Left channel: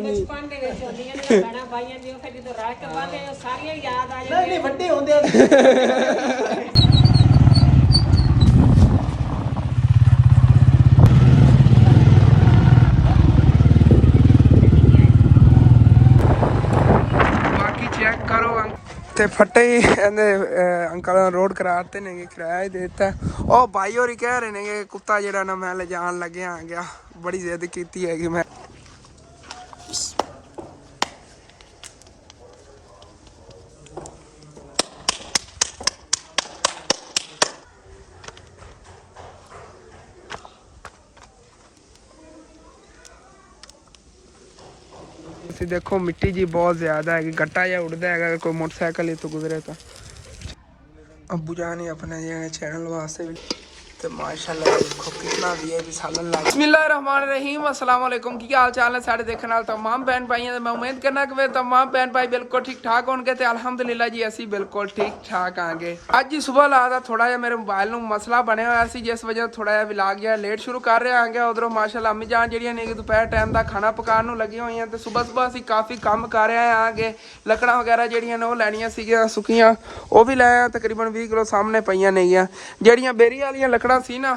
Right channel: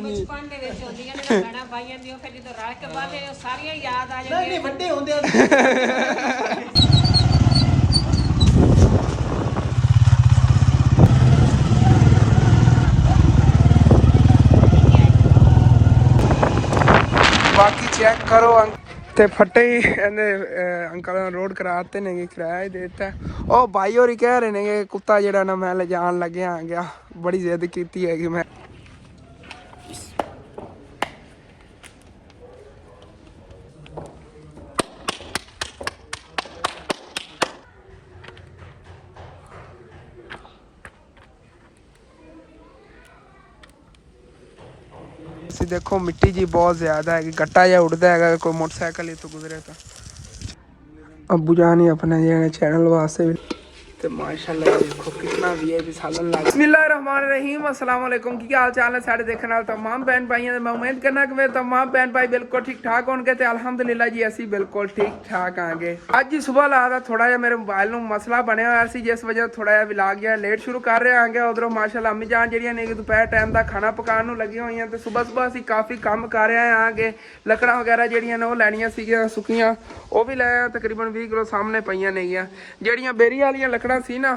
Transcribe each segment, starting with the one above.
ਬਚਪਨ ਦੇ ਵਿੱਚ ਹੁੰਦੀਆਂ ਨੇ ਗਾਣਾ ਪਾਈਆਂ ਦੀ ਉਹ ਫਿਰ ਜਦੋਂ ਰਲ ਕੇ ਬਾਅਦ ਉਹ ਸਾਰੀਆਂ ਯਾਦ ਆ ਜਾਂਦੀਆਂ। ਨਹੀਂ ਵੱਡੇ ਹੁੰਦੇ बाकी चेक करो ते फटे ही अंकल रोड कराते ने किराया ही देता। ओ भाई होरी कह रहे ने कि कुत्ता जेड़ा ना मैं ले जान लगे आ गया, बड़ी जिद कीती है कि मैं देखो मिट्टी जी बहुत ज्यादा है, गट्टा या उड़ता है कोई मोटरसाइकिल तो गुजरे तो अबू जान ही अपने जो चैनल वास्ते भी तो माशाल्लाह देखो कितना वीआईपी सालन लग। बिस्मिल्लाहिर्रहमानिर्रहीम, अस्सलाम वालेकुम। की हाल चाल है सारे देखने वाले तमाम बहन भाइयों मैं उम्मीद करना कि मेरे तमाम बहन भाई बिल्कुल ठीक ठाक होंगे तो अल्हम्दुलिल्लाह जी असी बिल्कुल ठीक ठाक आएंगे। अज जी सुबह ला था थोड़ा जहा मेरे मोबाइल में मसला बनया हुआ सी जिस वजह थोड़ा जहा व्लॉग गया लेट शुरू कर रहे आएंगे। उधरों माशाल्लाह अम्मी जान जी ने दोपहर टाइम का खाना पकाने लगी हुई हैं तो सुबह सुबह असी काफ़ी काम कर रहे आएंगे। लकड़ा वगैरह जड़ियाँ ने वो लैनियां सीगियां सुक्कियां वो भी लाया तकरीबन 20 किलो सामने पईयां नहीं जड़ियां बेरी वाली लकड़ा सी ना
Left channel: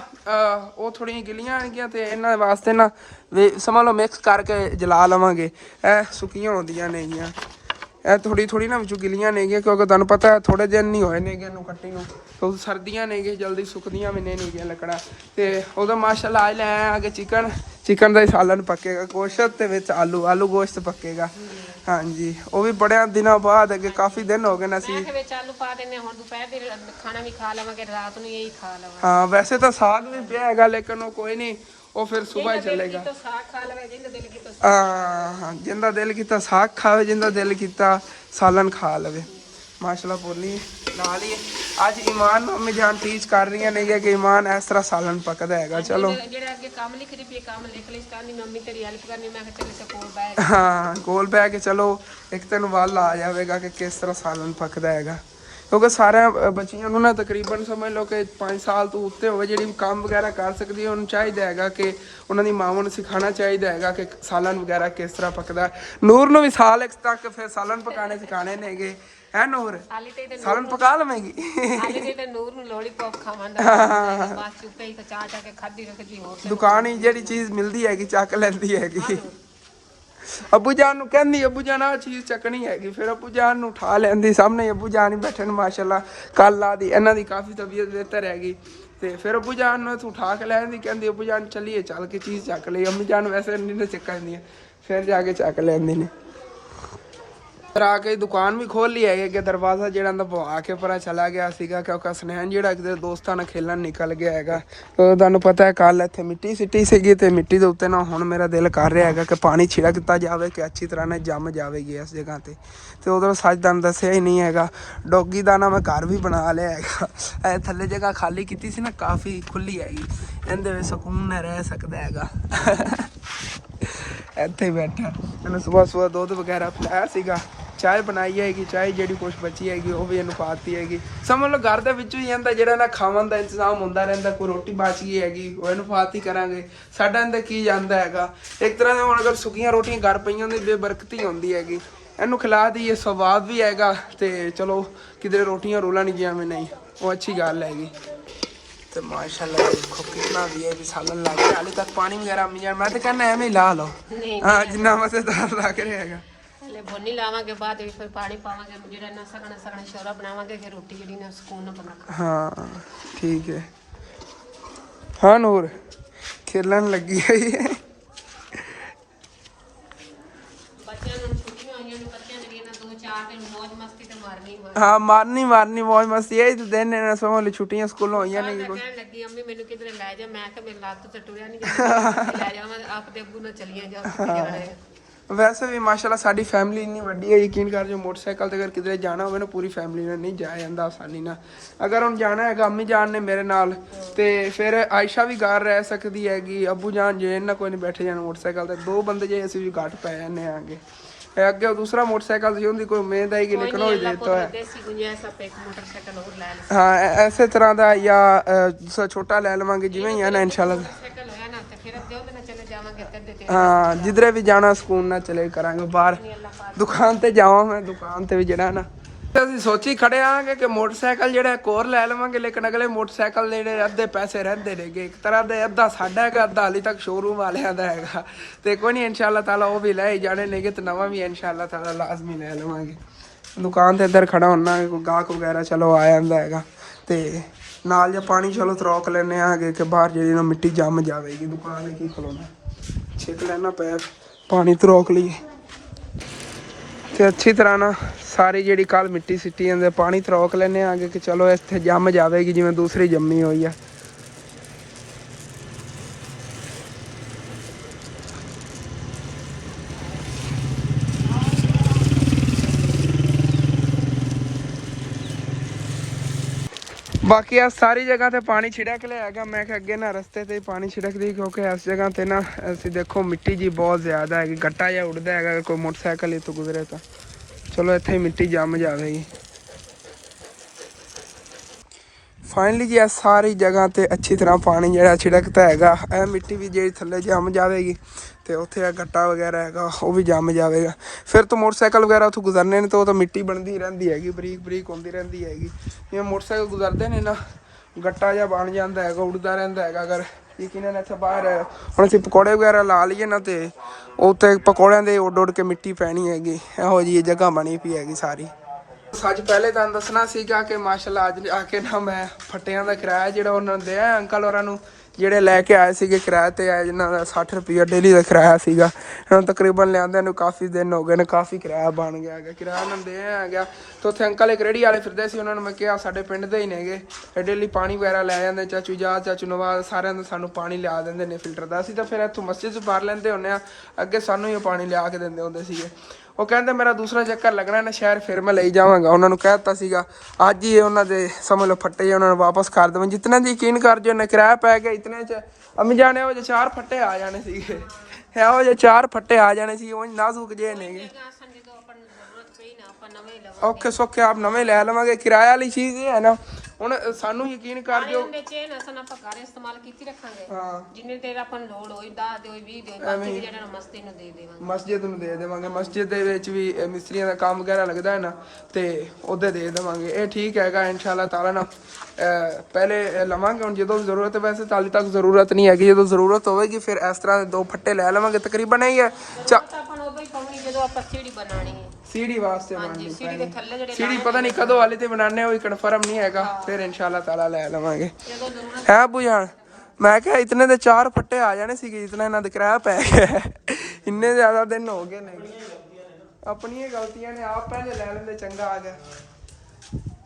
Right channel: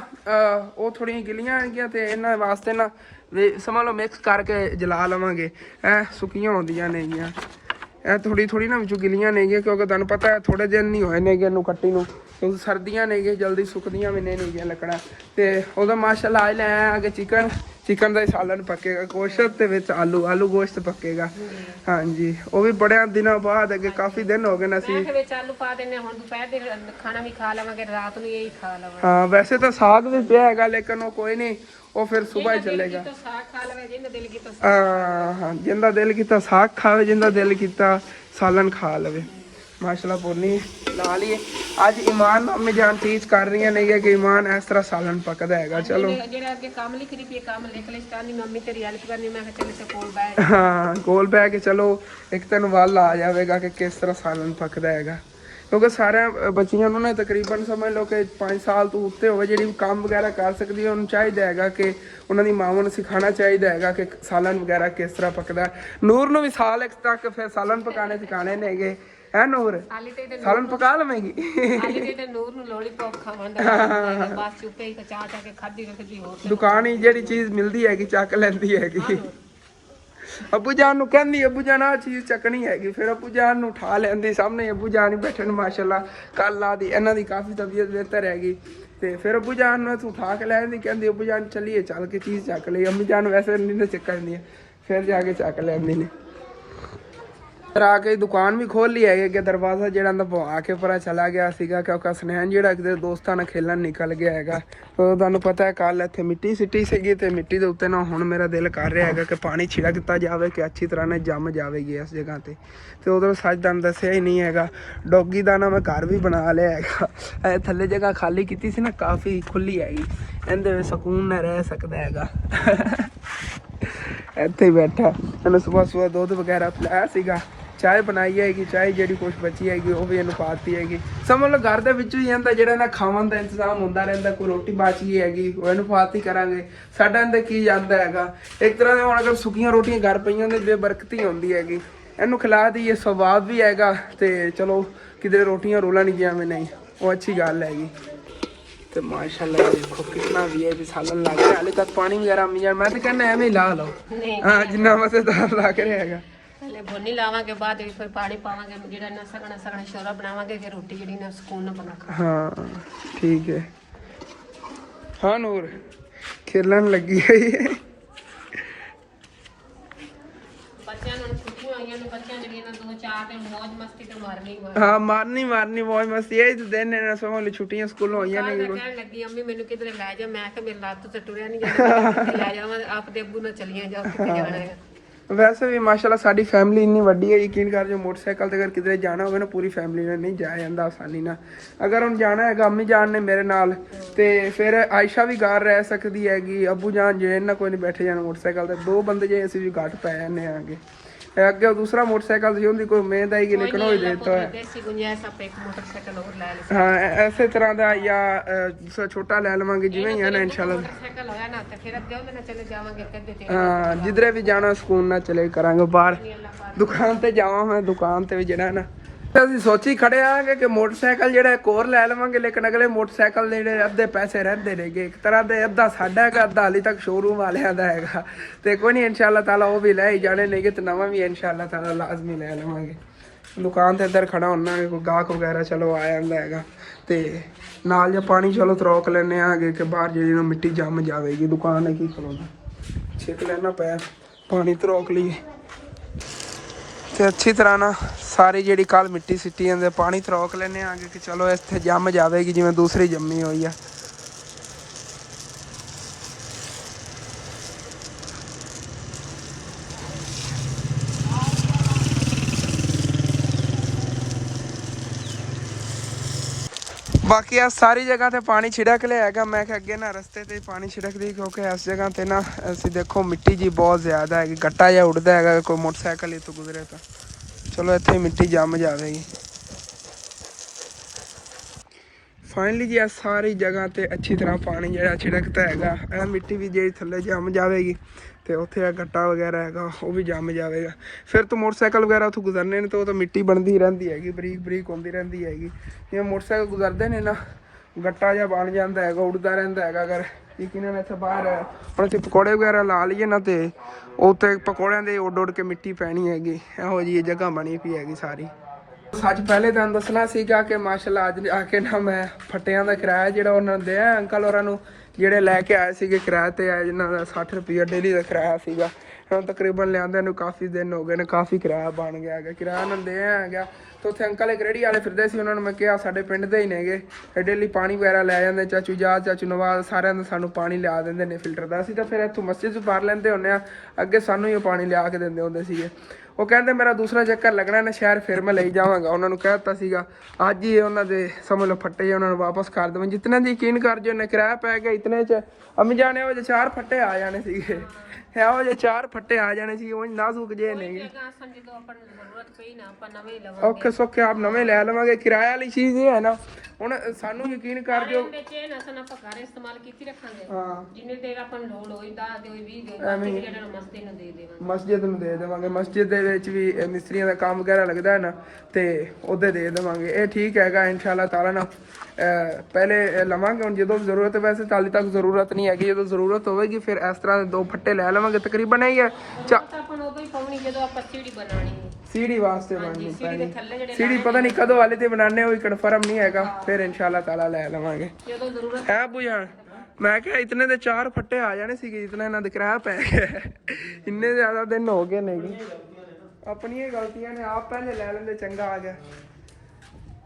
वो थोड़ी गिलियां आएगियां तो इन्होंने वास्ते ना समझ लो मिक्स करके जला लवांगे। सुक्कियां होंदियां नहीं थोड़ी थोड़ी ना विचों गिलियां नहीं क्योंकि तुहानूं पता है थोड़े दिन नहीं होए ने इनू कट्टी नूं तो सर्दियां नहीं जल्दी सुकदियां भी नहीं लकड़ा तो उदों माशाल्लाह आज लाया आगे चिकन का ही सालन पकेगा गोश्त ते विच आलू गोश्त पकेगा। हाँ जी वो भी बड़े दिनों बाद अगे काफ़ी दिन हो गए ना सी। हाँ वैसे तो साग भी पिया है लेकिन वो कोई नहीं वो फिर सुबह ही चलेगा। हाँ जिंदा दिल किता साग खावे जिंदा दिल किता सालन खा लवे माशाल्लाह पूरी ला लिए। आज ईमान अम्मी जान टीच कर रही नहीं है कि ईमान इस तरह सालन पकदा है। चलो हाँ कोल बह के चलो एक तेन वल आ जाएगा कि किस तरह सालन पकदा है क्योंकि सारे बच्चियों ना तकरीबन समझ लो कि 5 साल तो उत्ते हो जी काम वगैरह कर सकती है उन्होंने चाहिए है कि उन्होंने मावां सिखाना चाहिए है कि सालन वगैरह किस तरह पकदा। नूर नूं भी साल तक फिर सालन पकाने सिखाने ने गए है नूर सालन पका लवेगी दुकान ही जी चीज़ मिलती है चक लेंदी है। अबू जान नूं कहंदी अबू जान आ चीज़ चकनी हैगी फिर अबू जान नूं उठा लैंदी सामने अबू जान ही बैठे माशाल्लाह कल ला दी इन्हां दी काफ़ी तबीयत बेहतर हैगी तो फिर अबू जान नूं उठा के लैंदी कहंदी अबू जान चलिए चल के चीज़ चक ली। अम्मी जान वैसे नहीं चक्कदी फिर जाके चक लैंदी ने फिर आके दुकान भी खोल ली है कि दरवाज़ा जो पवा के पर चला गया सीगा क्योंकि स्नैन जो किसी दोस्तों ने खेलन निकल गया है तो तुहानूं पता है कल इत्थे मिट्टी सिट्टी सीगी तो मिट्टी के उत्ते ना हुण मेरा दिल कर रहा है कि पानी छिड़कता जाए कि अच्छी तरह ने जम जाएगी इस जगह पर तो उधर सच तुहानूं दस्सिया ही नहीं है। डॉगी का ना मैं घर भी बना लिया है थल्ले जगह खाली की सी ना काफ़ी खुली हैगी इहदे विच सुकून ने रह सकता है इत्थे ही बैठा इन्हें सुबह सुबह दुध वगैरह पिलाया सीगा चाय बनाई हैगी चाय जी कुछ बची हैगी वो भी इन्हूं पाती हैगी समझ लो घर के ही इहदा जो ना खावन का इंतजाम होंदा रहिंदा कोई रोटी बच गई हैगी वो इन्हूं पाती करांगे साडा इहदा की जांदा हैगा एक तरह का हुण अगर सुक्कियां रोटियां घर पईयां दी बेबरकती होंदी हैगी इन्हूं खिला दईए स्वाब भी हैगा तो चलो किधरे रोटियां रोलन गया में नहीं वो अच्छी गल हैगी। तो माशाल्लाह देखो कितना वीआईपी सालन लग रहा हाले तक पानी वगैरह अम्मी जान मैं तो कहना एवं ही ला लो हाँ जिन्ना मजेदार लग रहा है भुनी लावांगे बाद फिर पानी पावांगे जेड़ा ना सगना शोरा बनावांगे फिर रोटी जेड़ी ना सुकून ना बना। हाँ ठीक है। हाँ नूर खेलन लगी है हाँ मारनी मौज मस्ती यही तो दिन है समझ लो छुट्टियां स्कूलों होई नहीं लगी अम्मी मेनू किधरे ले जा मैं मेरी लत्त ते टुरिया नहीं जांदा ले जावां आप दे अब्बू नाल चलियां जाओ किथे जाना है। वैसे भी माशाल्लाह साडी फैमिली इन्नी वड्डी है यकीन कर जो मोटरसाइकिल ते अगर किधरे जाना होवे ना पूरी फैमिली ने नहीं जाया जांदा आसानी ना अगर हम जाना है अम्मी जान ने मेरे नाल ते फिर आयशा भी घर रह सकती हैगी अबू जान जे इन्ना कोई नहीं बैठे जाना मोटरसाइकिल ते दो बंदे जे असीं भी घट पै जाने आगे ਅੱਗੇ ਉਹ ਦੂਸਰਾ ਮੋਟਰਸਾਈਕਲ ਸੀ, ਉਹਦੀ ਕੋਈ ਉਮੀਦ ਆਏਗੀ, ਲੇਕਿन ਉਹ ही देता है। देसी गुंजाइश आप एक मोटरसाइकिल और ला लो। हाँ ऐसे तरह का या दूसरा छोटा ले लवांगे जिवें ही है ना इंशाल्लाह। मोटरसाइकिल होया ना तो फिर अब दो दिन चले जावांगे तेरे ते। हाँ जिधरे भी जाना सुकून ना चले करांगे बाहर। दुकान ते जावां मैं, दुकान ते भी ਜਿਹੜਾ ਨਾ ਅਸੀਂ ਸੋਚੀ ਖੜੇ ਆਂਗੇ ਕਿ ਮੋਟਰਸਾਈਕਲ ਜਿਹੜਾ ਇੱਕ ਹੋਰ ਲੈ ਲਵਾਂਗੇ, ਲੇਕਿਨ ਅਗਲੇ ਮੋਟਰਸਾਈਕਲ ਦੇ ਜਿਹੜੇ ਅੱਧੇ ਪੈਸੇ ਰਹਿੰਦੇ ਨੇਗੇ, ਇੱਕ ਤਰ੍ਹਾਂ ਦੇ ਅੱਧਾ ਸਾਡਾ ਹੈਗਾ, ਅੱਧਾ ਹਾਲੇ ਤੱਕ ਸ਼ੋਰੂਮ ਵਾਲਿਆਂ ਦਾ ਹੈਗਾ, ਤੇ ਕੋਈ ਨਹੀਂ ਇਨਸ਼ਾਅੱਲਾ ਤਾਲਾ ਉਹ ਵੀ ਲੈ ਹੀ ਜਾਣੇ ਨੇਗੇ, ਤੇ ਨਵਾਂ ਵੀ ਇਨਸ਼ਾਅੱਲਾ ਤਾਲਾ ਲਾਜ਼ਮੀ ਲੈ ਲਵਾਂਗੇ। ਦੁਕਾਨ ਤੇ ਇੱਧਰ ਖੜਾ ਹੁੰਨਾ, ਕੋਈ ਗਾਹਕ ਵਗੈਰਾ ਚਲੋ ਆ ਜਾਂਦਾ ਹੈਗਾ, ਤੇ ਨਾਲ ਜਾਂ ਪਾਣੀ ਚਲੋ ਤਰੋਕ ਲੈਣੇ ਆਗੇ ਕਿ ਬਾਹਰ ਜਿਹੜੀ ਨਾ ਮਿੱਟੀ ਜੰਮ ਜਾਵੇਗੀ, ਦੁਕਾਨ ਹੈ ਕੀ ਖਲੋਣਾ, ਛਿੱਕ ਲੈਣਾ ਪਿਆ ਪਾਣੀ ਤਰੋਕ ਲਈਏ। ਤੇ ਅੱਛੀ ਤਰ੍ਹਾਂ ਨਾ ਸਾਰੀ ਜਿਹੜੀ ਕੱਲ ਮਿੱਟੀ ਸਿੱਟੀ ਜਾਂਦੇ ਪਾਣੀ ਤਰੋਕ ਲੈਣੇ ਆਗੇ ਕਿ ਚਲੋ ਇੱਥੇ ਜੰਮ ਜਾਵੇਗੀ ਜਿਵੇਂ ਦੂਸਰੀ ਜੰਮੀ ਹੋਈ ਆ। ਬਾਕੀ ਆ ਸਾਰੀ ਜਗ੍ਹਾ ਤੇ ਪਾਣੀ ਛਿੜਕ ਲਿਆ ਹੈਗਾ, ਮੈਂ ਕਿ ਅੱਗੇ ਨਾ ਰਸਤੇ ਤੇ ਪਾਣੀ ਛਿੜਕਦੀ, ਕਿਉਂਕਿ ਇਸ ਜਗ੍ਹਾ ਤੇ ਨਾ ਅਸੀਂ ਦੇਖੋ ਮਿੱਟੀ ਜੀ ਬਹੁਤ ਜ਼ਿਆਦਾ ਹੈਗੀ, ਗੱਟਾ ਜਿਹਾ ਉੱਡਦਾ ਹੈਗਾ, ਕੋਈ ਮੋਟਰਸਾਈਕਲ ਇੱਥੋਂ ਗੁਜ਼ਰੇ ਤਾਂ ਚਲੋ ਇੱਥੇ ਮਿੱਟੀ ਜੰਮ ਜਾਵੇਗੀ। ਫਾਈਨਲੀ ਜੀ ਆ ਸਾਰੀ ਜਗ੍ਹਾ ਤੇ ਅੱਛੀ ਤਰ੍ਹਾਂ ਪਾਣੀ ਜਿਹੜਾ ਛਿੜਕਦਾ ਹੈਗਾ, ਇਹ ਮਿੱਟੀ ਵੀ ਜਿਹੜੀ ਥੱਲੇ ਜੰਮ ਜਾਵੇਗੀ, ਤੇ ਉੱਥੇ ਆ ਗੱਟਾ ਵਗੈਰਾ ਹੈਗਾ ਉਹ ਵੀ ਜੰਮ ਜਾਵੇਗਾ। ਫਿਰ ਤੋਂ ਮੋਟਰਸਾਈਕਲ ਵਗੈਰਾ ਉੱਥੋਂ ਗੁਜ਼ਰਨੇ ਨੇ ਤਾਂ ਉਹ ਤਾਂ ਮਿੱਟੀ ਬਣਦੀ ਰਹਿੰਦੀ ਹੈਗੀ, ਬਰੀਕ ਬਰੀਕ ਹੁੰਦੀ ਰਹਿੰਦੀ ਹੈਗੀ, ਜਿਵੇਂ ਮੋਟਰਸਾਈਕਲ ਗੁਜ਼ਰਦੇ ਨੇ ਨਾ ਗੱਟਾ ਜਿਹਾ ਬਣ ਜਾਂਦਾ ਹੈਗਾ, ਉੱਡਦਾ ਰਹਿੰਦਾ ਹੈਗਾ। ਅਗਰ ਯਕੀਨਨ ਇੱਥੇ ਬਾਹਰ ਹੁਣ ਅਸੀਂ ਪਕੌੜੇ ਵਗੈਰਾ ਲਾ ਲਈਏ ਨਾ, ਤੇ ਉੱਥੇ ਪਕੌੜਿਆਂ ਦੇ ਉੱਡ ਉੱਡ ਕੇ ਮਿੱਟੀ ਪੈਣੀ ਹੈਗੀ, ਇਹੋ ਜਿਹੀ ਜਗ੍ਹਾ ਬਣੀ ਪਈ ਹੈਗੀ ਸਾਰੀ। ਸੱਚ ਪਹਿਲੇ ਤੁਹਾਨੂੰ ਦੱਸਣਾ ਸੀਗਾ ਕਿ ਮਾਸ਼ਾਅੱਲਾ ਅੱਜ ਆ ਕੇ ਨਾ ਮੈਂ ਫੱਟਿਆਂ ਦਾ ਕਿਰਾਇਆ ਜਿਹੜਾ ਉਹਨਾਂ ਨੇ ਦਿਆ ਅੰਕਲ ਹੋਰਾਂ ਨੂੰ, ਜਿਹੜੇ ਲੈ ਕੇ ਆਏ ਸੀਗੇ ਕਿਰਾਏ ਤੇ ਆਏ, ਜਿਨ੍ਹਾਂ ਦਾ 60 ਰੁਪਈਆ ਡੇਲੀ ਦਾ ਕਿਰਾਇਆ ਸੀਗਾ, ਇਹਨਾਂ ਨੂੰ ਤਕਰੀਬਨ ਲਿਆਂਦਿਆਂ ਨੂੰ ਕਾਫੀ ਦਿਨ ਹੋ ਗਏ ਨੇ, ਕਾਫੀ ਕਿਰਾਇਆ ਬਣ ਗਿਆ ਹੈਗਾ, ਕਿਰਾਇਆ ਉਹਨਾਂ ਨੂੰ ਦਿਆ ਹੈਗਾ। ਤੇ ਉੱਥੇ ਅੰਕਲ ਇੱਕ ਰੇਹੜੀ ਵਾਲੇ ਫਿਰਦੇ ਸੀ, ਉਹਨਾਂ ਨੂੰ ਮੈਂ ਕਿਹਾ ਸਾਡੇ ਪਿੰਡ ਦੇ ਹੀ ਨੇਗੇ, ਇਹ ਡੇਲੀ ਪਾਣੀ ਵਗੈਰਾ ਲੈ ਜਾਂਦੇ, ਚਾਚੂ ਜਾਦ ਚਾਚੂ ਨਵਾਜ਼ ਸਾਰਿਆਂ ਦਾ ਸਾਨੂੰ ਪਾਣੀ ਲਿਆ ਦਿੰਦੇ ਨੇ ਫਿਲਟਰ ਦਾ, ਅਸੀਂ ਤਾਂ ਫਿਰ ਇੱਥੋਂ ਮਸਜਿਦ 'ਚ ਭਰ ਲੈਂਦੇ ਹੁੰਦੇ ਹਾਂ, ਅੱਗੇ ਸਾਨੂੰ ਹੀ ਉਹ ਪਾਣੀ ਲਿਆ ਕੇ ਦਿੰਦੇ ਹੁੰਦੇ ਸੀਗੇ। ਉਹ ਕਹਿੰਦੇ ਮੇਰਾ ਦੂਸਰਾ ਚੱਕਰ ਲੱਗਣਾ ਨਾ ਸ਼ਹਿਰ, ਫਿਰ ਮੈਂ ਲਈ ਜਾਵਾਂਗਾ, ਉਹਨਾਂ ਨੂੰ ਕਹਿ ਦਿੱਤਾ ਸੀਗਾ ਅੱਜ ਹੀ ਉਹਨਾਂ ਦੇ ਸਮਝ ਲਓ ਫੱਟੇ ਉਹਨਾਂ ਨੂੰ ਵਾਪਸ ਕਰ ਦੇਵਾਂ, ਜਿਤਨੇ ਦੀ ਯਕੀਨ ਕਰ ਜੋ ਉਹਨੇ ਕਿਰਾਇਆ ਪੈ ਗਿਆ ਇਤਨੇ 'ਚ ਅਮੀ ਜਾਣੇ ਉਹ ਜੇ 4 ਫੱਟੇ ਆ ਜਾਣੇ ਸੀਗੇ, ਇਹੋ ਜਿਹੇ 4 ਫੱਟੇ ਆ ਜਾਣੇ ਸੀ, ਉਹ ਨਾਜ਼ੁਕ ਜੇ ਨਹੀਂ ਔਖੇ ਸੌਖੇ ਆਪ ਨਵੇਂ ਲੈ ਲਵਾਂਗੇ। ਕਿਰਾਇਆ ਵਾਲੀ ਚੀਜ਼ ਇਹ ਹੈ ਨਾ, ਹੁਣ ਸਾਨੂੰ ਯਕੀਨ ਕਰ ਜੋ ਜਿੰਨੇ ਦੇਰ ਆਪਾਂ ਨੂੰ ਲੋੜ ਹੋਈ 10 ਦਿਓ 20 ਦਿਓ ਮਸਜਿਦ ਨੂੰ ਦੇ ਦੇਵਾਂਗੇ, ਮਸਜਿਦ ਦੇ ਵਿੱਚ ਵੀ ਮਿਸਤਰੀਆਂ ਦਾ ਕੰਮ ਵਗੈਰਾ ਲੱਗਦਾ ਹੈ ਨਾ, ਤੇ ਉਹਦੇ ਦੇ ਦੇਵਾਂਗੇ, ਇਹ ਠੀਕ ਹੈਗਾ ਇਨਸ਼ਾਅੱਲਾ ਤਾਲਾ ਨਾ। ਪਹਿਲੇ ਲਵਾਂਗੇ ਹੁਣ ਜਦੋਂ ਜ਼ਰੂਰਤ, ਵੈਸੇ ਤਾਂ ਹਾਲੇ ਤੱਕ ਜ਼ਰੂਰਤ ਨਹੀਂ ਹੈਗੀ, ਜਦੋਂ ਜ਼ਰੂਰਤ ਹੋਵੇਗੀ ਫਿਰ ਇਸ ਤਰ੍ਹਾਂ ਦੇ 2 ਫੱਟੇ ਲੈ ਲਵਾਂਗੇ, ਤਕਰੀਬਨ ਇਹ ਹੈ ਸੀੜੀ ਵਾਸਤੇ ਬਣਨੀ ਪੈਣੀ, ਸੀੜੀ ਪਤਾ ਨਹੀਂ ਕਦੋਂ ਹਾਲੇ ਤੇ ਬਣਾਣੇ ਹੋਈ ਕਨਫਰਮ ਨਹੀਂ ਹੈਗਾ, ਫਿਰ ਇਨਸ਼ਾਅੱਲਾ ਤਾਲਾ ਲੈ ਲਵਾਂਗੇ। ਹੈ ਬੁਝਾਣ ਮੈਂ ਕਿਹਾ ਇਤਨੇ ਦੇ 4 ਫੱਟੇ ਆ ਜਾਣੇ ਸੀਗੇ, ਇਤਨਾ ਇਹਨਾਂ ਦੇ ਕਿਰਾਇਆ ਪੈ ਗਿਆ, ਇੰਨੇ ਜ਼ਿਆਦਾ ਦਿਨ ਹੋ ਗਏ ਨੇ, ਆਪਣੀਆਂ ਗਲਤੀਆਂ ਨੇ, ਆਪ ਪਹਿਲੇ ਲੈ ਲੈਂਦੇ ਚੰਗਾ ਆ ਗਿਆ।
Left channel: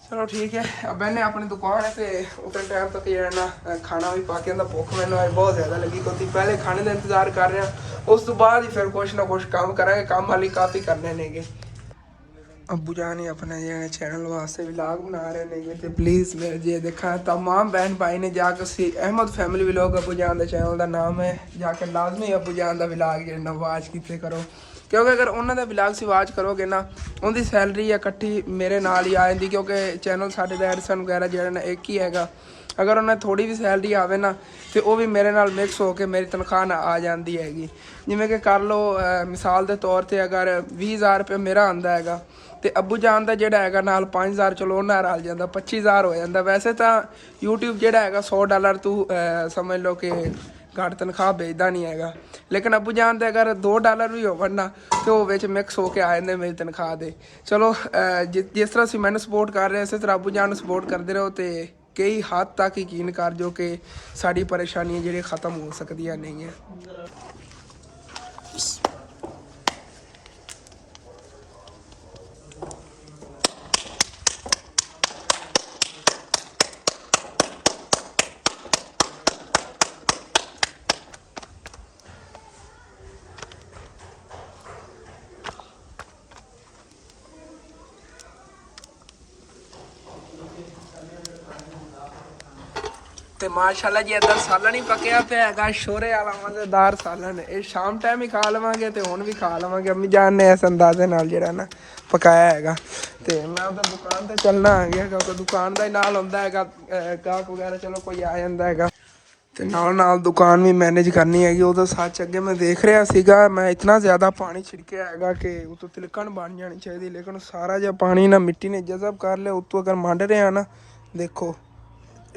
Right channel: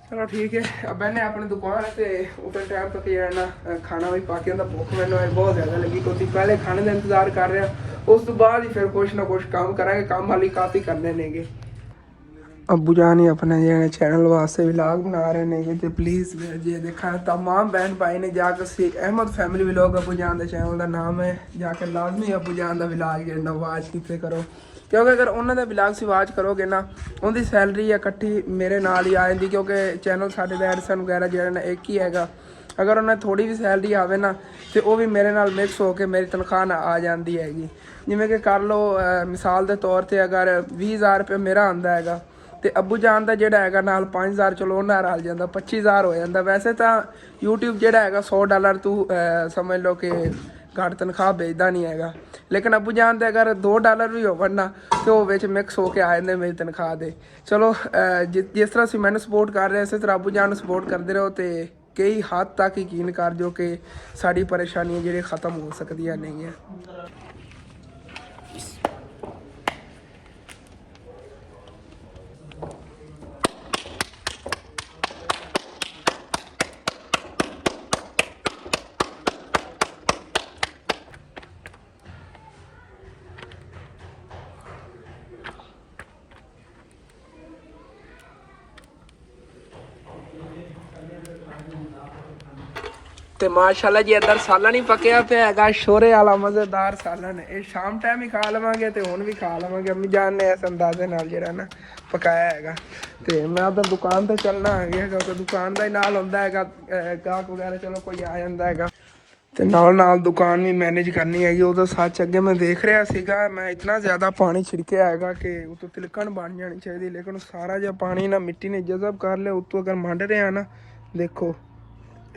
ਚਲੋ ਠੀਕ ਹੈ, अब मैंने अपनी दुकान है तो उतने टाइम तक ये ना खाना भी पा के आंदा, भुख मैंने बहुत ज़्यादा लगी, क्योंकि पहले खाने का इंतजार कर रहे हैं, उस तो बाद ही फिर कुछ ना कुछ काम करांगे, काम हाली काफ़ी करने नेगे। अबू जान ही अपने जो चैनल वास्ते व्लॉग बना रहे हैं, तो प्लीज़ मेरे जे देखा तमाम बहन भाई ने जाकर अहमद फैमिली व्लॉग अबू जान का चैनल का नाम है, जाकर लाजमी अबू जान का व्लॉग जो वाच किते करो, क्योंकि अगर उन्होंने व्लॉग से वाच करोगे ना उनकी सैलरी इकट्ठी मेरे नाल ही आ जाती, क्योंकि चैनल साढ़े का एडसन वगैरह जो ना एक ही हैगा, अगर उन्हें थोड़ी भी सैलरी आवे ना तो वह भी मेरे नाल मिक्स होकर मेरी तनख्वाह ना आ जाती हैगी। जिमें कि कर लो मिसाल के तौर पर अगर 20,000 रुपया मेरा आंदा हैगा, तो अबू जान का जोड़ा है नाल 5,000 चलो उन्हें रल जाता, 25,000 हो जाता। वैसे तो यूट्यूब जोड़ा है $100 तू समझ लो कि घट तनख्वाह भेजता नहीं हैगा, लेकिन अबू जान दे अगर $2 भी हो ना तो वो मिक्स होके आ जाते मेरी तनख्वाह दे। चलो जिस तरह से मैंने सपोर्ट कर रहे इस तरह अबू जान सपोर्ट करते रहो, तो कई हद तक यकीन कर जो कि साड़ी परेशानियां जी ख़त्म हो सकती नहीं है। ਤੇ ਮਾਸ਼ਾਅੱਲਾ ਜੀ ਇੱਧਰ ਸਾਲਣ ਹੀ ਪੱਕਿਆ ਪਿਆ ਹੈਗਾ, ਸ਼ੋਰੇ ਵਾਲਾ ਮਜ਼ੇਦਾਰ ਸਾਲਣ। ਇਹ ਸ਼ਾਮ ਟਾਈਮ ਹੀ ਖਾ ਲਵਾਂਗੇ ਤੇ ਹੁਣ ਵੀ ਖਾ ਲਵਾਂਗੇ। ਅੰਮੀ ਜਾਨ ਨੇ ਇਸ ਅੰਦਾਜ਼ੇ ਨਾਲ ਜਿਹੜਾ ਨਾ ਪਕਾਇਆ ਹੈਗਾ। ਤੇ ਮੈਂ ਉਧਰ ਦੁਕਾਨ ਤੇ ਚੱਲਣਾ ਹੈਗਾ ਕਿਉਂਕਿ ਦੁਕਾਨ ਦਾ ਹੀ ਨਾਲ ਹੁੰਦਾ ਹੈਗਾ, ਗਾਹਕ ਵਗੈਰਾ ਚਲੋ ਕੋਈ ਆ ਜਾਂਦਾ ਹੈਗਾ ਤੇ ਨਾਲ ਨਾਲ ਦੁਕਾਨ ਵੀ ਮੈਨੇਜ ਕਰਨੀ ਹੈਗੀ। ਉਦੋਂ ਸੱਚ ਅੱਗੇ ਮੈਂ ਦੇਖ ਰਿਹਾ ਸੀਗਾ, ਮੈਂ ਇਤਨਾ ਜ਼ਿਆਦਾ ਪਾਣੀ ਛਿੜਕਿਆ ਹੈਗਾ ਕਿ ਉਤੋਂ ਤਿਲਕਣ ਬਣ ਜਾਣੀ ਚਾਹੀਦੀ, ਲੇਕਿਨ ਸਾਰਾ ਜਿਹਾ ਪਾਣੀ ਨਾ ਮਿੱਟੀ ਨੇ ਜਜ਼ਬ ਕਰ ਲਿਆ। ਉੱਤੋਂ ਅਗਰ ਮੰਡ ਰਿਹਾ ਨਾ, ਦੇਖੋ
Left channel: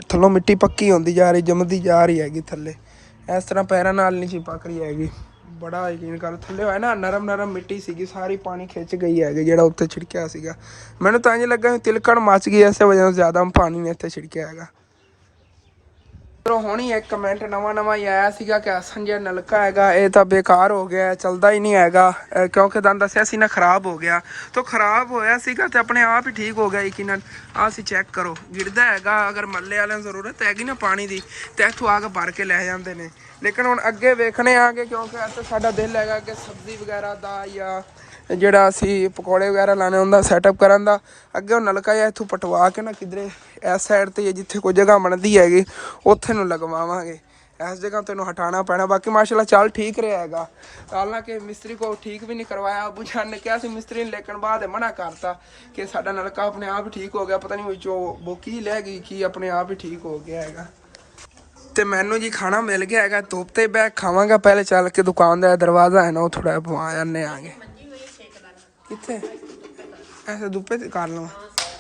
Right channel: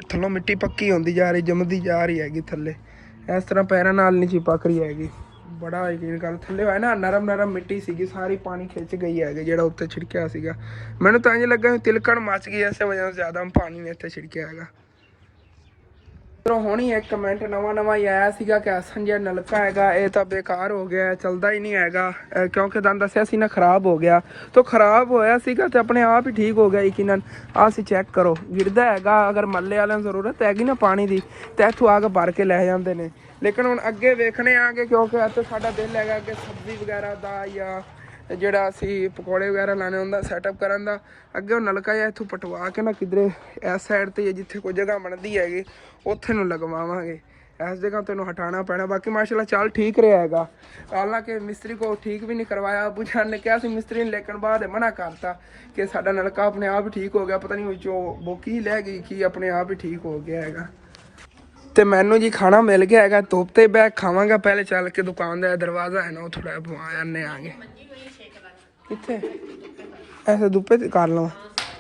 ਥੱਲੋਂ ਮਿੱਟੀ ਪੱਕੀ ਹੁੰਦੀ ਜਾ ਰਹੀ, ਜੰਮਦੀ ਜਾ ਰਹੀ ਹੈਗੀ ਥੱਲੇ। ਇਸ ਤਰ੍ਹਾਂ ਪੈਰਾਂ ਨਾਲ ਨਹੀਂ ਸੀ ਪੱਕ ਰਹੀ ਹੈਗੀ। ਬੜਾ ਯਕੀਨ ਕਰ, ਥੱਲੇ ਹੋਇਆ ਨਾ ਨਰਮ ਨਰਮ ਮਿੱਟੀ ਸੀਗੀ, ਸਾਰੀ ਪਾਣੀ ਖਿੱਚ ਗਈ ਹੈਗੀ ਜਿਹੜਾ ਉੱਤੇ ਛਿੜਕਿਆ ਸੀਗਾ। ਮੈਨੂੰ ਤਾਂ ਇੰਝ ਲੱਗਾ ਤਿਲਕਣ ਮੱਚ ਗਈ, ਇਸੇ ਵਜ੍ਹਾ ਤੋਂ ਜ਼ਿਆਦਾ ਪਾਣੀ ਨੇ ਇੱਥੇ ਛਿੜਕਿਆ ਹੈਗਾ। ਹੁਣ ਹੀ ਇੱਕ ਕਮੈਂਟ ਨਵਾਂ ਹੀ ਆਇਆ ਸੀਗਾ ਕਿ ਹਸਨ ਜਿਹੜਾ ਨਲਕਾ ਹੈਗਾ ਇਹ ਤਾਂ ਬੇਕਾਰ ਹੋ ਗਿਆ, ਚੱਲਦਾ ਹੀ ਨਹੀਂ ਹੈਗਾ ਕਿਉਂਕਿ ਤੁਹਾਨੂੰ ਦੱਸਿਆ ਸੀ ਨਾ ਖਰਾਬ ਹੋ ਗਿਆ। ਤਾਂ ਖਰਾਬ ਹੋਇਆ ਸੀਗਾ ਤੇ ਆਪਣੇ ਆਪ ਹੀ ਠੀਕ ਹੋ ਗਿਆ ਯਕੀਨਨ। ਆਹ ਤੁਸੀਂ ਚੈੱਕ ਕਰੋ, ਗਿਰਦਾ ਹੈਗਾ। ਅਗਰ ਮੱਲੇ ਵਾਲਿਆਂ ਨੂੰ ਜ਼ਰੂਰਤ ਹੈਗੀ ਨਾ ਪਾਣੀ ਦੀ ਤੇ ਇੱਥੋਂ ਆ ਕੇ ਭਰ ਕੇ ਲੈ ਜਾਂਦੇ ਨੇ। ਲੇਕਿਨ ਹੁਣ ਅੱਗੇ ਵੇਖਣੇ ਆਗੇ ਕਿਉਂਕਿ ਇੱਥੇ ਸਾਡਾ ਦਿਲ ਹੈਗਾ ਕਿ ਸਬਜ਼ੀ ਵਗੈਰਾ ਦਾ ਜਾਂ ਜਿਹੜਾ ਅਸੀਂ ਪਕੌੜੇ ਵਗੈਰਾ ਲਾਣੇ ਹੁੰਦਾ ਸੈਟਅਪ ਕਰਨ ਦਾ। ਅੱਗੇ ਉਹ ਨਲਕਾ ਜਿਹਾ ਇੱਥੋਂ ਪਟਵਾ ਕੇ ਨਾ ਕਿਧਰੇ ਇਸ ਸਾਈਡ 'ਤੇ ਜਿੱਥੇ ਕੋਈ ਜਗ੍ਹਾ ਬਣਦੀ ਹੈਗੀ ਉੱਥੇ ਨੂੰ ਲਗਵਾਵਾਂਗੇ। ਇਸ ਜਗ੍ਹਾ ਤੈਨੂੰ ਹਟਾਉਣਾ ਪੈਣਾ। ਬਾਕੀ ਮਾਸ਼ਾਅੱਲਾ ਚੱਲ ਠੀਕ ਰਿਹਾ ਹੈਗਾ। ਹਾਲਾਂਕਿ ਮਿਸਤਰੀ ਕੋ ਠੀਕ ਵੀ ਨਹੀਂ ਕਰਵਾਇਆ, ਅਬੂ ਜਾਨ ਨੇ ਕਿਹਾ ਸੀ ਮਿਸਤਰੀ ਨੇ, ਲੇਕਿਨ ਬਾਅਦ ਮਨਾ ਕਰਤਾ ਕਿ ਸਾਡਾ ਨਲਕਾ ਆਪਣੇ ਆਪ ਹੀ ਠੀਕ ਹੋ ਗਿਆ। ਪਤਾ ਨਹੀਂ ਵਿੱਚੋਂ ਬੋਕੀ ਲੈ ਗਈ ਕਿ ਆਪਣੇ ਆਪ ਹੀ ਠੀਕ ਹੋ ਗਿਆ ਹੈਗਾ। ਤੇ ਮੈਨੂੰ ਜੀ ਖਾਣਾ ਮਿਲ ਗਿਆ ਹੈਗਾ, ਧੁੱਪ ਤੇ ਬੈਠ ਖਾਵਾਂਗਾ। ਪਹਿਲੇ ਚੱਲ ਕੇ ਦੁਕਾਨ ਦਾ ਦਰਵਾਜ਼ਾ ਹੈ ਨਾ ਉਹ ਥੋੜਾ ਪਵਾ ਜਾਂਦੇ ਆਗੇ। ਕਿੱਥੇ ਐਸੇ ਧੁੱਪੇ ਤੇ ਕਰ ਲਵਾਂ,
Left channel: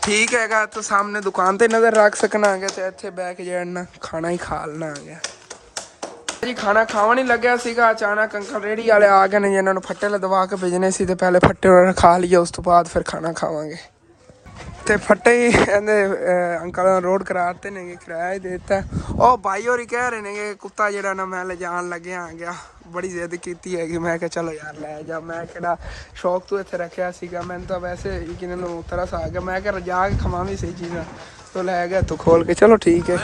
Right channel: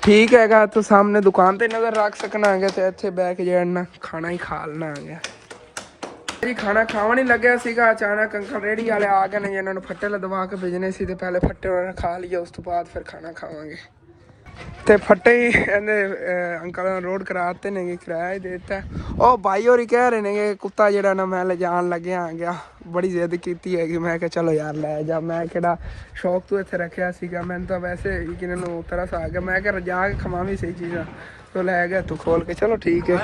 ਠੀਕ ਹੈਗਾ। ਤੂੰ ਸਾਹਮਣੇ ਦੁਕਾਨ ਤੇ ਨਜ਼ਰ ਰੱਖ ਸਕਣਾ ਹੈਗਾ ਤੇ ਇੱਥੇ ਬਹਿ ਕੇ ਜਿਹੜਾ ਨਾ ਖਾਣਾ ਹੀ ਖਾ ਲੈਣਾ ਹੈਗਾ ਜੀ। ਖਾਣਾ ਖਾਵਣ ਹੀ ਲੱਗਿਆ ਸੀਗਾ, ਅਚਾਨਕ ਅੰਕਲ ਰੇਹੜੀ ਵਾਲੇ ਆ ਗਏ ਨੇ, ਇਹਨਾਂ ਨੂੰ ਫੱਟੇ ਲਦਵਾ ਕੇ ਭੇਜਣੇ ਸੀ ਤੇ ਪਹਿਲੇ ਫੱਟੇ ਉਹਨਾਂ ਖਾ ਲਈਏ, ਉਸ ਤੋਂ ਬਾਅਦ ਫਿਰ ਖਾਣਾ ਖਾਵਾਂਗੇ। ਤੇ ਫੱਟੇ ਹੀ ਕਹਿੰਦੇ ਅੰਕਲ ਨੇ ਰੋਡ ਕਰਾਤੇ ਨੇ, ਕਿਰਾਇਆ ਹੀ ਦੇ ਦਿੱਤਾ। ਉਹ ਭਾਈ ਹੋਰੀ ਕਹਿ ਰਹੇ ਨੇ ਕਿ ਕੁੱਤਾ ਜਿਹੜਾ ਨਾ ਮੈਂ ਲਿਜਾਣ ਲੱਗਿਆ ਆ ਗਿਆ, ਬੜੀ ਜ਼ਿੱਦ ਕੀਤੀ ਹੈਗੀ। ਮੈਂ ਕਿਹਾ ਚਲੋ ਯਾਰ ਲੈ ਜਾ, ਮੈਂ ਕਿਹੜਾ ਸ਼ੌਕ ਤੋਂ ਇੱਥੇ ਰੱਖਿਆ ਸੀਗਾ। ਮੈਨੂੰ ਤਾਂ ਵੈਸੇ ਕਿਨਾਂ ਨੂੰ ਤਰਸ ਆ ਗਿਆ। ਮੈਂ ਕਿਹਾ ਰਜਾ ਕੇ ਖਵਾਵੀਂ ਸਹੀ ਚੀਜ਼ਾਂ ਤੋਂ ਲੈ ਗਿਆ ਤੂੰ ਖੋਲ ਕੇ। ਚਲੋ ਠੀਕ ਹੈ,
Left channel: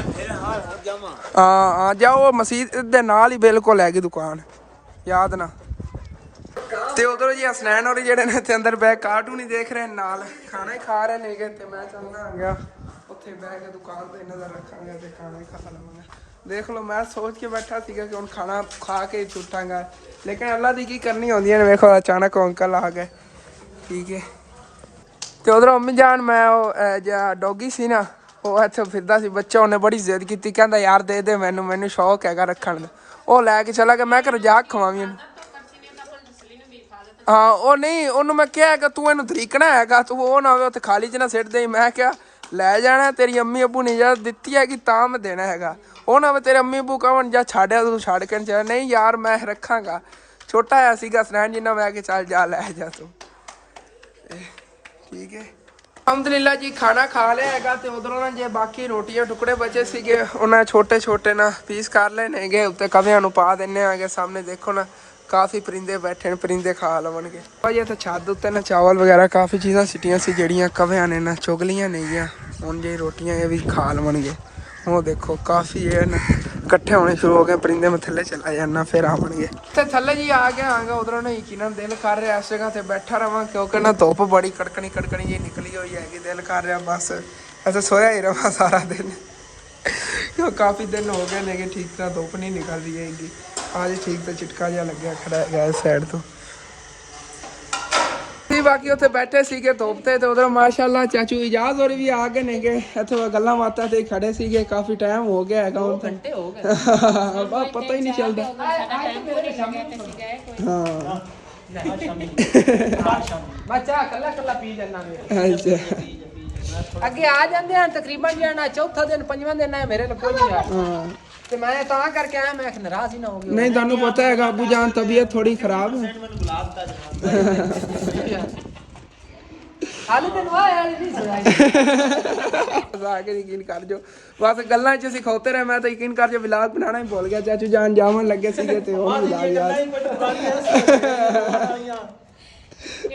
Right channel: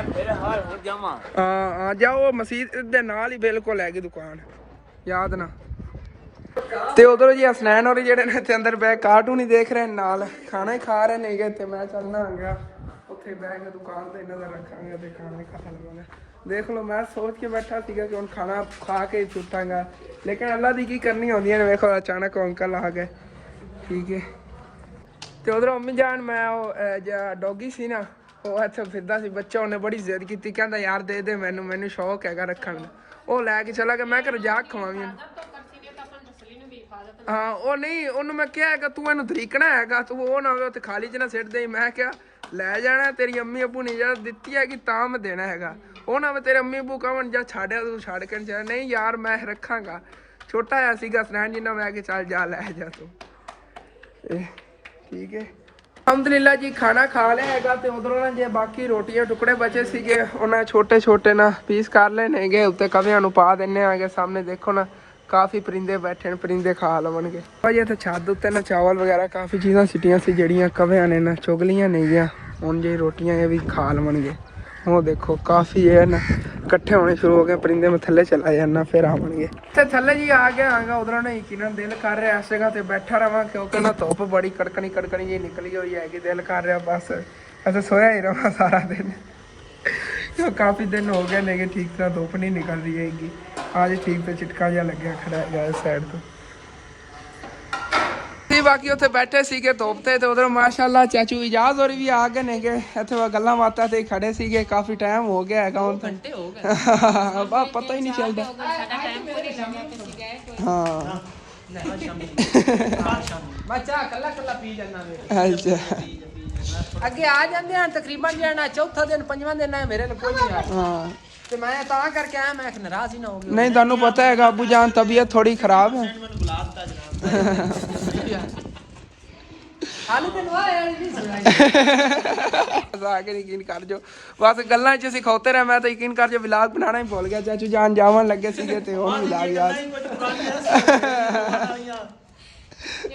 ਹਾਂ ਜਾਓ। ਮਸਜਿਦ ਦੇ ਨਾਲ ਹੀ ਬਿਲਕੁਲ ਹੈਗੀ ਦੁਕਾਨ, ਯਾਦ ਨਾ। ਤੇ ਉਧਰੋਂ ਜੀ ਹਸਨੈਨ ਹੋਰੀ ਜਿਹੜੇ ਨੇ ਇੱਥੇ ਅੰਦਰ ਬਹਿ ਕਾਰਟੂਨ ਹੀ ਦੇਖ ਰਹੇ ਨਾਲ ਖਾਣਾ ਹੀ ਖਾ ਰਹੇ ਨੇਗੇ। ਤੇ ਮੈਂ ਚੱਲਣਾ ਆ ਗਿਆ ਉੱਥੇ ਬਹਿ ਕੇ ਦੁਕਾਨ ਤੇ ਨਜ਼ਰ ਰੱਖਾਂਗਾ ਤੇ ਖਾਣਾ ਹੀ ਖਾ ਲਵਾਂਗਾ। ਦੇਖ ਲਓ ਮੈਂ ਸੋਚ ਕੇ ਬੈਠਾ ਸੀਗਾ ਕਿ ਹੁਣ ਖਾਣਾ ਖਾ ਕੇ ਹੀ ਛੁੱਟਾਂਗਾ, ਲੇਕਿਨ ਅੱਲਾ ਦੀ ਕੀ ਕਰਨੀ ਹੁੰਦੀਆਂ ਨੇ। ਵੇਖੋ ਅਚਾਨਕ ਅੰਕਲ ਆ ਗਏ, ਠੀਕ ਹੈ। ਤੇ ਉਧਰੋਂ ਅੰਮੀ ਜਾਨ, ਮੈਂ ਉਹ ਜਿਹੜਾ ਡੋਗੀ ਸੀ ਨਾ ਉਹ ਇੱਥੇ ਫਿਰਦਾ ਸੀ ਬੱਚਾ, ਉਹਨੇ ਬੜੀ ਜ਼ਿੱਦ ਕੀਤੀ, ਕਹਿੰਦਾ ਯਾਰ ਦੇ ਦੇ ਮੈਨੂੰ ਸ਼ੌਕ ਹੈਗਾ ਰੱਖਣ ਦਾ। ਉਹ ਲੈ ਕੇ ਚਲਾ ਗਿਆ। ਮੈਂ ਕਿਹਾ ਰਜਾਕ ਖਵਾਵੀਂ ਇਹਨੂੰ। ਹਾਂ ਉਹ ਨਹੀਂ, ਉਹਨੂੰ ਮੈਂ ਕਿਹਾ ਕਿ ਤੂੰ ਇਹਨੂੰ ਤਰੀਕਣਾ ਹੈਗਾ, ਤੂੰ ਉਹ ਨਾ ਹੋਵੇ ਉੱਥੇ ਖਾਲੀ 'ਚ ਨਾ ਸਿੱਟ ਦੇਈ। ਮੈਂ ਕਿਹਾ ਲੈ ਜਾਣਾ, ਤੇਰੀ ਅੰਮੀ ਅੱਬੂ ਨੇ ਇਜਾਜ਼ਤ ਦਿੱਤੀ ਹੈਗੀ ਤਾਂ ਮੈਂ ਦੇਣਾ ਹੈਗਾ। ਉਹ ਨਾ ਤੇਰੇ ਅੰਮੀ ਅੱਬੂ ਕਹਣ ਜਾਂ ਛੱਡਿਆ ਤੂੰ ਛੱਡ ਕੇ ਨਹੀਂ। ਨਹੀਂ ਯਾਰ ਮੈਂ ਰੱਖਾਂਗਾ। ਛੋਟਾ ਜਿਹਾ ਸੀਗਾ ਸਨੈਨ ਜਿੰਨਾ, ਮੈਂ ਕਿ ਚੱਲ ਜਾ ਲੈ ਜਾ ਤੂੰ। ਠੀਕ ਹੈ, ਅਲਹਮਦੁਲਿਲਾ ਜੀ ਖਾਣਾ ਖਾ ਲਿਆ ਹੈਗਾ। ਤੇ ਉਧਰੋਂ ਨਾ ਜੇ ਬਾਕੀ ਰੋਟੀਆਂ ਟੁਕੜੇ ਬਚੇ ਸੀਗੇ ਉਹਨਾਂ ਛੋਟੇ ਨਾ ਪੀਸ ਕਰ ਲੈਣੇ ਹੈਗੇ, ਉੱਤੇ ਕਵਿਆਂ ਨੂੰ ਪਾ ਦਿੰਨੇ ਆਗੇ। ਸਾਹਮਣੇ ਦੇਖੋ ਨਾ ਕਾਫੀ ਪਰਿੰਦੇ ਬੈਠੇ ਨੇ, ਪਰਿੰਦੇ ਖਾ ਲਵਣਗੇ। ਭਾਜੀ ਇੱਥੇ ਛੱਤ ਉੱਤੇ ਨਾ ਚਾਵਲ ਵਗੈਰਾ ਕਾਫੀ ਚੀਜ਼ਾਂ ਸਿੱਟੀਆਂ ਸੀ ਜਿਹੜੀਆਂ ਕਵਿਆਂ ਨੇ ਨਾ ਚੁਗ ਲੀਆਂ ਨਹੀਂ ਗਿਆ। ਹੁਣ ਜੇ ਰੋਟੀਆਂ ਇਹ ਵੀ ਖਾ ਲਵਣਗੇ। ਉਹ ਦੇਖੋ ਕਾਫੀ ਇਹ ਨਾ ਇਕੱਠੇ ਹੋਣੇ ਸ਼ੁਰੂ ਹੋ ਗਏ ਪਰਿੰਦੇ। ਮੈਂ ਥੱਲੇ ਚਲਾ ਜਾਣਾ ਫਿਰ ਆਵਣਗੇ। ਤੇ ਥੱਲੇ ਜੀ ਆ ਗਿਆ ਆਂਗਾ। ਉਧਰੋਂ ਨਾ ਯਕੀਨਨ ਦਿਲ ਕਰ ਰਿਹਾ ਇਸ ਜਗ੍ਹਾ ਤੇ ਬੈਠਾ ਰਵਾਂ ਕਿਉਂਕਿ ਨਾ ਧੁੱਪ ਬੜੀ ਕੜਕਣੀ ਜਿਹੀ ਨਿਕਲੀ ਹੋਈ ਹੈਗੀ। ਦਿਲ ਕਰ ਰਿਹਾ ਬਸ ਇੱਥੇ ਸੋਇਆ ਹੀ ਰਵਾਂ ਸਾਰਾ ਦਿਨ ਕਿਉਂ ਕਾਫੀ ਦਿਨ ਹੋ ਗਏ ਨੇ ਕਿ ਠੀਕ ਤਰ੍ਹਾਂ ਧੁੱਪ ਨਹੀਂ ਨਿਕਲ ਰਹੀ ਹੈਗੀ। ਅੱਜ ਠੀਕ ਤੇ ਚਿਟਕਾ ਜਿਹਾ ਲੱਗਿਆ ਖੜਾ ਹੈਗਾ ਇਸ ਸਾਈਡ ਤੋਂ। ਬਾਕੀ ਉੱਥੇ ਬੈਠੇ ਸੀਗੇ ਧੁੱਪ ਤੇ ਉਧਰ ਮਾਸ਼ਾਅੱਲਾ ਚਾਚੂ ਇਜਾਜ਼ ਹੋਰੀ ਵੀ ਆ ਗਏ ਨੇਗੇ। ਇੱਥੇ ਗੱਲਾਂ ਬਾਤਾਂ ਤੇ ਖੜੇ ਸੀਗੇ, ਕਾਫੀ ਟਾਈਮ ਹੋ ਗਿਆ ਹੈਗਾ। ਹੁਣ ਘੰਟੇ ਹੋ ਗਏ ਬਸ ਪਤਾ ਹੀ ਨਹੀਂ ਚੱਲਦਾ। ਹਾਂ ਬੱਚਾ ਕੱਲਾ ਪੀ ਜਾਂਦਾ ਅੱਛਾ। ਅੱਗੇ ਆ ਜਾਂਦੇ ਹਨ ਤਕਰੀਬਨ ਜਾਣਾ ਚੌਥਾ ਦਿਨ ਪੰਜਵਾਂ ਦਿਨ ਹੈ ਮੇਰੇ ਕੋਲ ਕੋਈ ਨਹੀਂ ਆਇਆ। ਤੇ ਮੈਂ ਤਾਂ ਕਰਕੇ ਆਇਆ, ਮੈਂ ਨਾਰਾਜ਼ ਹੀ ਨਾ ਹੋ ਗਿਆ। ਨਹੀਂ ਤੁਹਾਨੂੰ ਪਤਾ ਹੈਗਾ ਅਬੂ ਜਾਨ ਤਬੀਅਤ ਥੋੜੀ ਖਰਾਬ ਹੈ। ਹਾਲੇ ਤੈਨੂੰ ਆਇਆ ਨਹੀਂ ਸੁਣਾਇਆ ਕਿ ਯਕੀਨ ਕਰ ਜੋ ਬਸ ਗੱਲਾਂ 'ਚ ਅਸੀਂ ਖੋਤੇ ਰਹੇ। ਮੈਂ ਤਾਂ ਯਕੀਨ ਕਰ ਜੋ ਵਲੌਗ ਬਣਾਉਣਾ ਹੀ ਭੁੱਲ ਗਿਆ। ਚਾਚੂ ਜਾਨ ਜਾਵਣ ਲੱਗੇ ਸੀਗੇ ਤੇ ਉਹ ਵਲੌਗ ਯਾਦ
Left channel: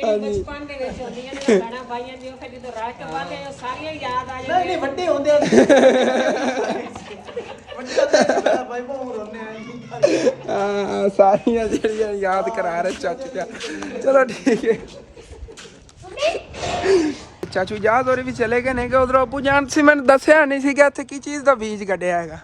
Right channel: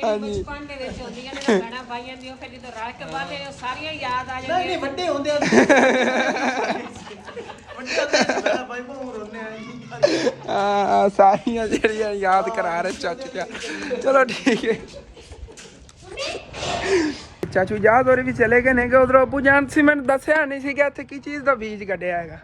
ਬਚਪਨ ਦੇ ਵਿੱਚ ਹੁੰਦੀਆਂ ਨੇ ਗਾਣਾ ਪਾਈਆਂ ਦੀ, ਉਹ ਫਿਰ ਜਦੋਂ ਰਲ ਕੇ ਬਾਅਦ ਉਹ ਸਾਰੀਆਂ ਯਾਦ ਆ ਜਾਂਦੀਆਂ। ਨਹੀਂ ਵੱਡੇ ਹੁੰਦੇ ਸਾਰੀਆਂ ਜਿਹੜੀਆਂ ਯਾਦ ਕਰਾ ਰਹੇ ਚਾਚੂ ਜਾ। ਚਲੋ ਠੀਕ ਹੈ। ਚਾਚੂ ਯਾਦ ਹੋਰੀ ਵੀ ਚਲੇ ਗਏ ਨੇ ਕਿ ਉਧਰੋਂ ਅਬੂ ਜਾਨ ਸੀ। ਮੈਨੂੰ ਦੱਸਿਆ ਨਹੀਂ ਸੀਗਾ ਇੱਥੇ ਕੀ ਚੀਜ਼ ਦਾ ਬੀਜ ਕੱਢਿਆ ਹੈਗਾ।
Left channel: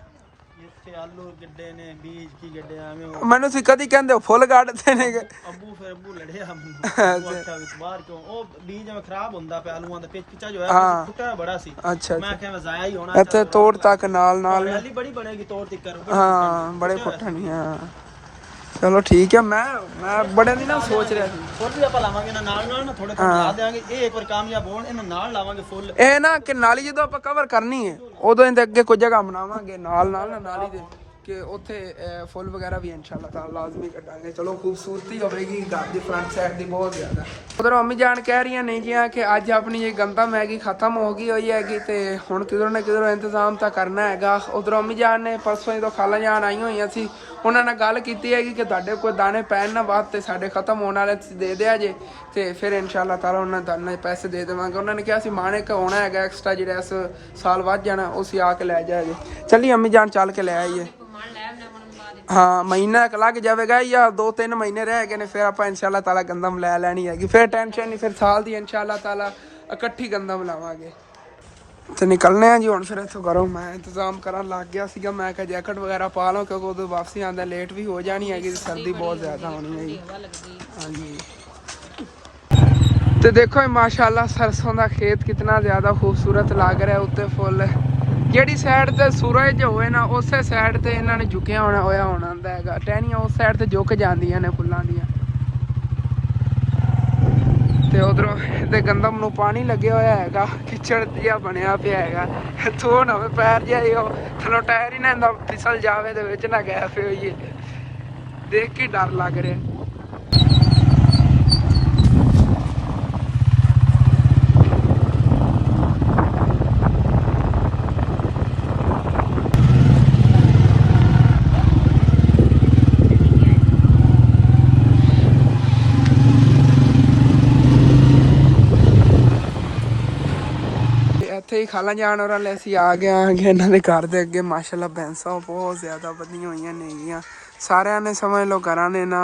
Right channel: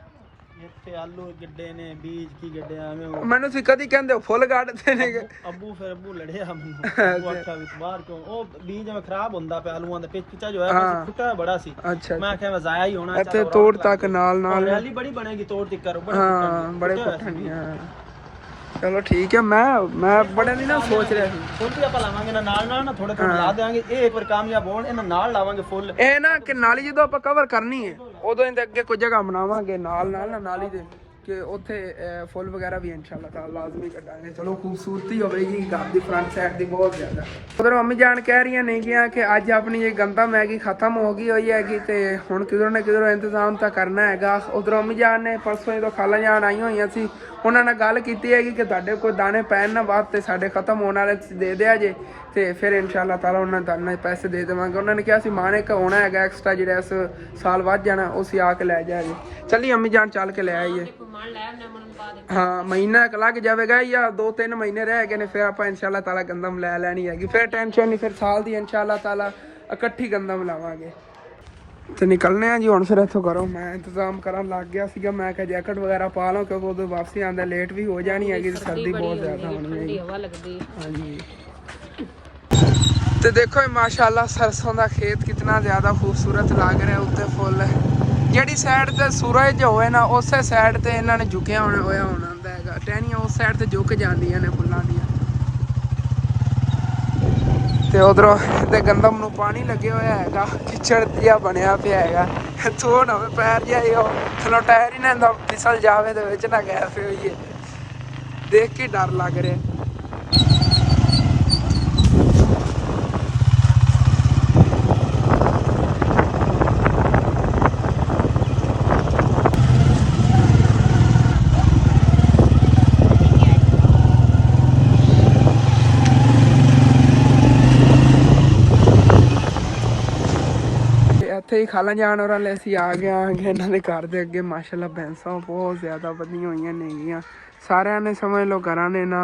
ਇੱਥੇ ਆਲੂ ਗੱਡੇ ਨੇ ਬੀਜ ਕੀ ਗੱਡੇ ਐਵੇਂ ਉਹ ਮੈਨੂੰ ਸੀ ਕਦੀ ਕਹਿੰਦੇ ਹੋ ਫੁੱਲ ਕੱਢਦੇ ਨੇ ਅੱਬੂ ਲੜਿਆ ਮੈਨੂੰ ਉਹ ਆਖਿਆ ਵੀ ਬਾਹਰ ਕਿਉਂ ਉਹ ਬੀਜ ਜਿਵੇਂ ਖਰਾਬ ਹੁੰਦਾ ਪਿਆ ਆਲੂਆਂ ਦਾ ਪਿੱਛਾ ਜੋ ਹੋਇਆ ਫੁੱਟਿਆ ਬੜਾ ਸੀ ਅੱਛਾ ਮੈਂ ਕਿਹਾ ਜ਼ਾਇਆ ਹੀ ਹੋਣਾ ਇੱਥੇ ਤੋੜ ਤੱਕ ਨਾਲ ਰੈਲੀ ਬੜੀ ਬਣੇਗੀ ਤੋੜ ਤੇ ਕਰੋ ਹਾਂ ਬੜੇ ਪੁੱਠਣੀ ਹਾਂ ਚਲੋ ਠੀਕ ਹੈ ਮੈਂ ਬੜੇ ਦਿਨ ਨਾਲ ਸੋਚ ਰਿਹਾ ਸੀ ਫੁੱਲ ਵੀ ਆਪਾਂ ਲਾਵਾਂਗੇ ਨਾਲ ਨਾ ਥੋੜੇ ਥੋੜੇ ਲਾ ਦੇਵਾਂਗੇ ਇਹ ਇੱਕ ਵਾਰ ਕਾਮਯਾਬ ਹੋਣ ਇਹਨਾਂ ਨਾਲ ਲਾਵਾਂਗੇ ਫੁੱਲ ਇਹ ਨਾ ਕਿ ਨਾਲੀ ਜਦੋਂ ਆਪਾਂ ਕਵਰ ਕਰਨੀ ਹੈ ਉਦੋਂ ਇਹਦੇ ਅੱਗੇ ਕੋਈ ਜਗ੍ਹਾ ਬਣਾਵਾਂਗੇ ਨਾਲ ਨਾ ਨਾਲੀ ਦੇ ਕਿ ਉੱਥੇ ਫੁੱਲ ਵਗੈਰਾ ਵੀ ਇਨਸ਼ਾਅੱਲਾ ਤਾਲਾ ਲਾਜ਼ਮੀ ਕੱਢਾਂਗੇ ਚਲੋ ਖੂਬਸੂਰਤੀ ਹੋਵੇਗੀ ਘਰ ਦੀ ਫਰੰਟ ਸਾਈਡ ਦੀ ਬਹੁਤ ਜ਼ਿਆਦਾ ਉਧਰ ਮੰਮੀ ਜਾਨ ਕਹਿ ਰਹੀਆਂ ਨੇ ਕਿ ਅੱਜ ਆਪਣੀ ਇਹ ਗੰਦਾ ਮੈਗੀ ਖਤਮ ਹੋ ਗਈ ਹੋਈ ਹੈਗੀ ਤੇ ਹੁਣ ਕਿਧਰੋਂ ਨਾ ਕਿਧਰੋਂ ਇੰਤਜ਼ਾਮ ਤਾਂ ਕਰਨਾ ਹੈਗਾ ਉਧਰ ਮੰਮੀ ਜਾਨ ਨੇ ਪਰਸੋਂ ਜਦੋਂ ਖਾਲਾਂ ਜਾਨ ਆਈਆਂ ਹੋਈਆਂ ਸੀ ਉਹਨਾਂ ਨਾਲ ਗੱਲ ਕੀਤੀ ਹੈਗੀ ਕਿ ਤੁਹਾਡੇ ਕੋਈ ਦਾਣੇ ਪੈਣ ਨਾ ਬਾਅਦ ਤੇ ਸਾਡੇ ਖਤਮ ਹੋਣ ਵਾਲੇ ਤੁਸੀਂ ਦੇ ਦਿਆ ਜੇ ਤੇ ਫਿਰ ਇਨਸ਼ਾਅੱਲਾ ਤਾਲਾ ਉਹਨਾਂ ਦਾਣੇ ਪੈਸੇ ਦੇ ਦੇਵਾਂਗੇ ਉਹਨਾਂ ਨੇ ਕਿਹਾ ਸੀ ਮਾਣੇ ਕ ਹੋਣਾ ਹੈਗਾ ਐਕਸਟਰਾ ਜਿਹੜਾ ਇਸ ਸਾਲ ਵੱਧ ਜਾਣਾ ਉਹ ਅਸੀਂ ਆ ਕੇ ਲੈ ਜਾਗੇ ਚੱਲੀ ਅੰਮੀ ਜਾਨ ਚੱਲ ਕੇ ਲੈ ਆਈਏ ਹਾਂ ਮਹੀਨਾ ਇੱਕ ਲੱਗ ਜਾਵੇਗਾ ਜਾਂ 2-3 ਮਹੀਨੇ ਰਹਿ ਗਏ ਨੇ ਫਿਰ ਆਪਾਂ ਇਨਸ਼ਾਅੱਲਾ ਤਾਲਾ ਗੰਦਮ ਲੈ ਲੈਣੀ ਹੈਗੀ ਫਿਰ ਟੈਨਸ਼ਨ ਨਹੀਂ ਫਿਰ ਸਾਲ ਦੀ ਇਨਸ਼ਾਅੱਲਾ ਤਾਲਾ ਇਕੱਠੀ ਗੰਦਮ ਲਾਵਾਂਗੇ ਤੇ ਨਿਕਲਨੇ ਆ ਜੀ ਹੁਣ ਫਿਰ ਇੱਥੋਂ ਕਰੋ ਮੈਂ ਇੰਤਜ਼ਾਮ ਕਰਨ ਲੱਗ ਗਿਆ ਸੀਗਾ ਮੈਂ ਕਿਹਾ ਜੈਕਟ ਵਗੈਰਾ ਪਾ ਲਵਾਂ ਕਿਉਂਕਿ ਉਦੋਂ ਵਾਪਸੀ ਆਉਂਦਾ ਲੇਟ ਵੀ ਹੋ ਜਾਣੀ ਹੈਗੀ ਤੇ ਸਰਦੀ ਬਹੁਤ ਜ਼ਿਆਦਾ ਹੋਣੀ ਹੈਗੀ ਹਾਂਜੀ ਤੇ ਦੇਖੋ ਮਾਸ਼ਾਅੱਲਾ ਸਰਸੋਂ ਦਾ ਖੇਤ ਕਿਤਨਾ ਜ਼ਿਆਦਾ ਖੂਬਸੂਰਤ ਲੱਗ ਰਿਹਾ ਉੱਤੇ ਫੁੱਲ ਜਿਹੜੀ ਸਾਈਡ ਤੇ ਸੂਰਜ ਹੋਵੇ ਨਾ ਉਸੇ ਸਾਈਡ ਤੇ ਇਹਨਾਂ ਨੇ ਝੁਕਿਆ ਹੋਇਆ ਹੁੰਦਾ ਹੈਗਾ ਟਹਿਣੀਆਂ ਉਸ ਸਾਈਡ ਤੇ ਝੁਕ ਜਾਂਦੀਆਂ ਨੇ ਫੁੱਲਾਂ ਦੀਆਂ ਤੇ ਉਧਰੋਂ ਤੇ ਗੰਦਮ ਨੂੰ ਪਾਣੀ ਲੱਗਿਆ ਹੋਇਆ ਹੈਗਾ ਚਿੱਚੜ ਜਿਹਾ ਬਣਿਆ ਪਿਆ ਹੈਗਾ ਤੋ ਨਾ ਪੈਰ ਜਿਹਾ ਉਹ ਥੱਲੋਂ ਟਾਇਰ ਹੀ ਨਾ ਇਹਦਾ ਫਿਸਲ ਜਾਵੇ ਦੇ ਵਿੱਚ ਨਾ ਗੈਸ ਹੋਈਏ ਦੇਖ ਕੇ ਡਰ ਲੱਗ ਰਿਹਾ ਇੱਥੇ ਹੀ ਖਾਲਾਂ ਜਾਣ ਔਰ ਵਾਲੇ ਅਸੀਂ ਆ ਗਏ ਇਹਨਾਂ ਦੇ ਘਰ ਦੇ ਅੱਗੇ ਮਾਸ਼ਾਅੱਲਾ ਭੈਂਸਾਂ ਬਹੁਤ ਜ਼ਿਆਦਾ ਵਧੀਆਂ ਹੋਈਆਂ ਨੇਗੀਆਂ ਸਾਰਿਆਂ ਨੇ ਸਮਝ ਲਓ ਘਰਾਂ ਨੇ ਨਾ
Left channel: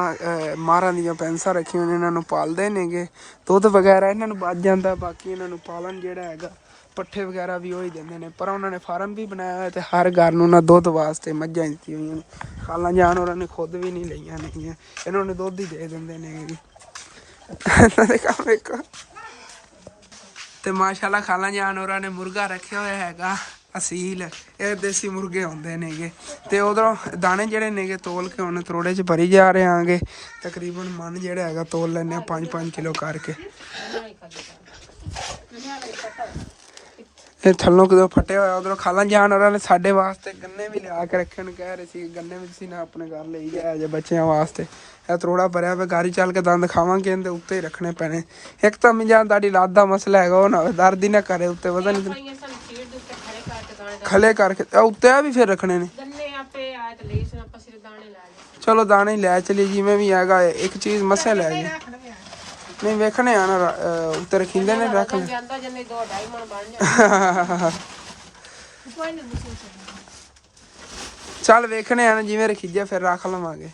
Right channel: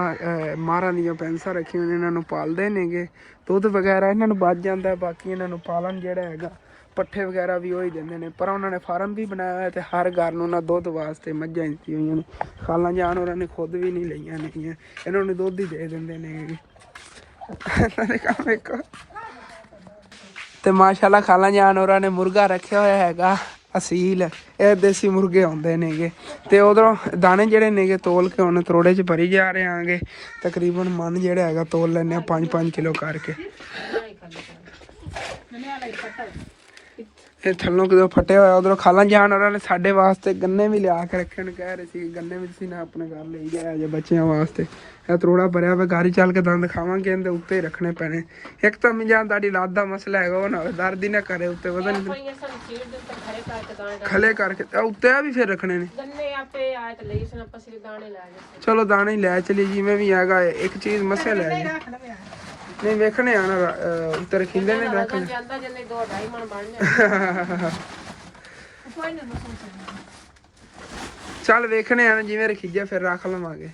ਮਾਰਾਂ ਦੀਆਂ ਭੈਂਸਾਂ ਰੱਖੀਆਂ ਨੇ ਇਹਨਾਂ ਨੂੰ ਪਾਲਦੇ ਨੇਗੇ ਦੁੱਧ ਵਗੈਰਾ ਇਹਨਾਂ ਨੂੰ ਬਚ ਜਾਂਦਾ ਬਾਕੀ ਇਹਨਾਂ ਨੂੰ ਪਾਲਣ ਜਿਹੜਾ ਹੈਗਾ ਪੱਠੇ ਵਗੈਰਾ ਵੀ ਉਹੀ ਦਿੰਦੇ ਨੇ ਪਰ ਉਹਨਾਂ ਨੇ ਫਾਰਮ ਵੀ ਬਣਾਇਆ ਹੋਇਆ ਤੇ ਹਰ ਘਰ ਨੂੰ ਨਾ ਦੁੱਧ ਵਾਸਤੇ ਮੱਝਾਂ ਦਿੱਤੀਆਂ ਹੋਈਆਂ ਨੇ ਖਾਲਾਂ ਜਾਣ ਉਹਨਾਂ ਨੇ ਖੁਦ ਵੀ ਨਹੀਂ ਲਈਆਂ ਨੇਗੀਆਂ ਇਹਨਾਂ ਨੂੰ ਦੁੱਧ ਹੀ ਦੇ ਦਿੰਦੇ ਨੇ ਕੰਮ ਇੱਕ ਤੇ ਮਾਸ਼ਾਅੱਲਾ ਖਾਲਾਂ ਜਾਨ ਹੋਰਾਂ ਨੇ ਮੁਰਗਾ ਰੱਖਿਆ ਹੋਇਆ ਹੈਗਾ ਅਸੀਲ ਇਹ ਦੇਸੀ ਮੁਰਗੇ ਆਉਂਦੇ ਨੇਗੇ ਤੇ ਉਧਰੋਂ ਦਾਣੇ ਜਿਹੜੇ ਨੇਗੇ ਤੋਲ ਕੇ ਹੁਣ ਤਰੋੜੇ 'ਚ ਭਰੀ ਜਾ ਰਹੇ ਆਂਗੇ ਤਕਰੀਬਨ ਮਨ ਜਿਹੜਾ ਹੈਗਾ ਤੋਲ ਲੈਂਦੇ ਆ 5-5 ਕਿਲੋ ਕਰਕੇ ਇਹ ਥੱਲੋਂ ਕਿਦੋਂ ਫਟਿਆ ਹੋਇਆ ਉਧਰੋਂ ਖਾਲਾਂ ਜਾਨ ਹੋਰਾਂ ਨੇ ਸਾਡੇ ਵਾਸਤੇ ਗੰਨੇ ਵੀ ਲਿਆ ਕੇ ਰੱਖਣ ਕਹਿ ਰਹੇ ਸੀ ਗੰਨੇ ਵੀ ਤੁਸੀਂ ਨਾ ਆਪਣੇ ਘਰ ਲਈ ਜਾਇਆ ਜੇ ਬੱਚਿਆਂ ਵਾਸਤੇ ਇਹ ਤਰੋੜਾ ਭਰਿਆ ਵਾ ਗਾੜੀ ਚੱਲ ਕੇ ਦੰਦ ਖਾਵਾਂਗੇ ਇਹਦੇ ਉੱਤੇ ਹੀ ਰੱਖਣੇ ਪੈਣੇ ਇੱਕ ਤਾਂ ਮਿਜਾਨ ਤੁਹਾਡੀ ਲੱਤ ਦਾ ਮਸਲਾ ਹੈਗਾ ਉਹ ਨਾ ਦਰਦ ਹੀ ਨਾ ਕਰੇ ਉੱਤੇ ਵਜ਼ਨ ਖਲੇ ਕਰਕੇ ਉੱਤੇ ਆ ਵੀ ਫਿਰ ਰੱਖਣੇ ਨੇ ਚਲੋ ਦਾਣੇ ਲੈ ਚਲੀ ਜਿਵੇਂ ਵੀ ਹੈਗਾ ਇੱਕ ਚੀਜ਼ ਮਸੇ ਲੈ ਜੀ ਨਹੀਂ ਵੇਖਣੇ ਆ ਨਾ ਉੱਤੇ ਰੱਖਿੰਦੇ ਨੇ ਰੱਖਣੇ ਚੱਲ ਵੇਖਣੇ ਆ ਨਾ ਜਿਵੇਂ ਰੱਖੀਜਾ ਫਿਰ ਰੱਖ ਲਵਾਂਗੇ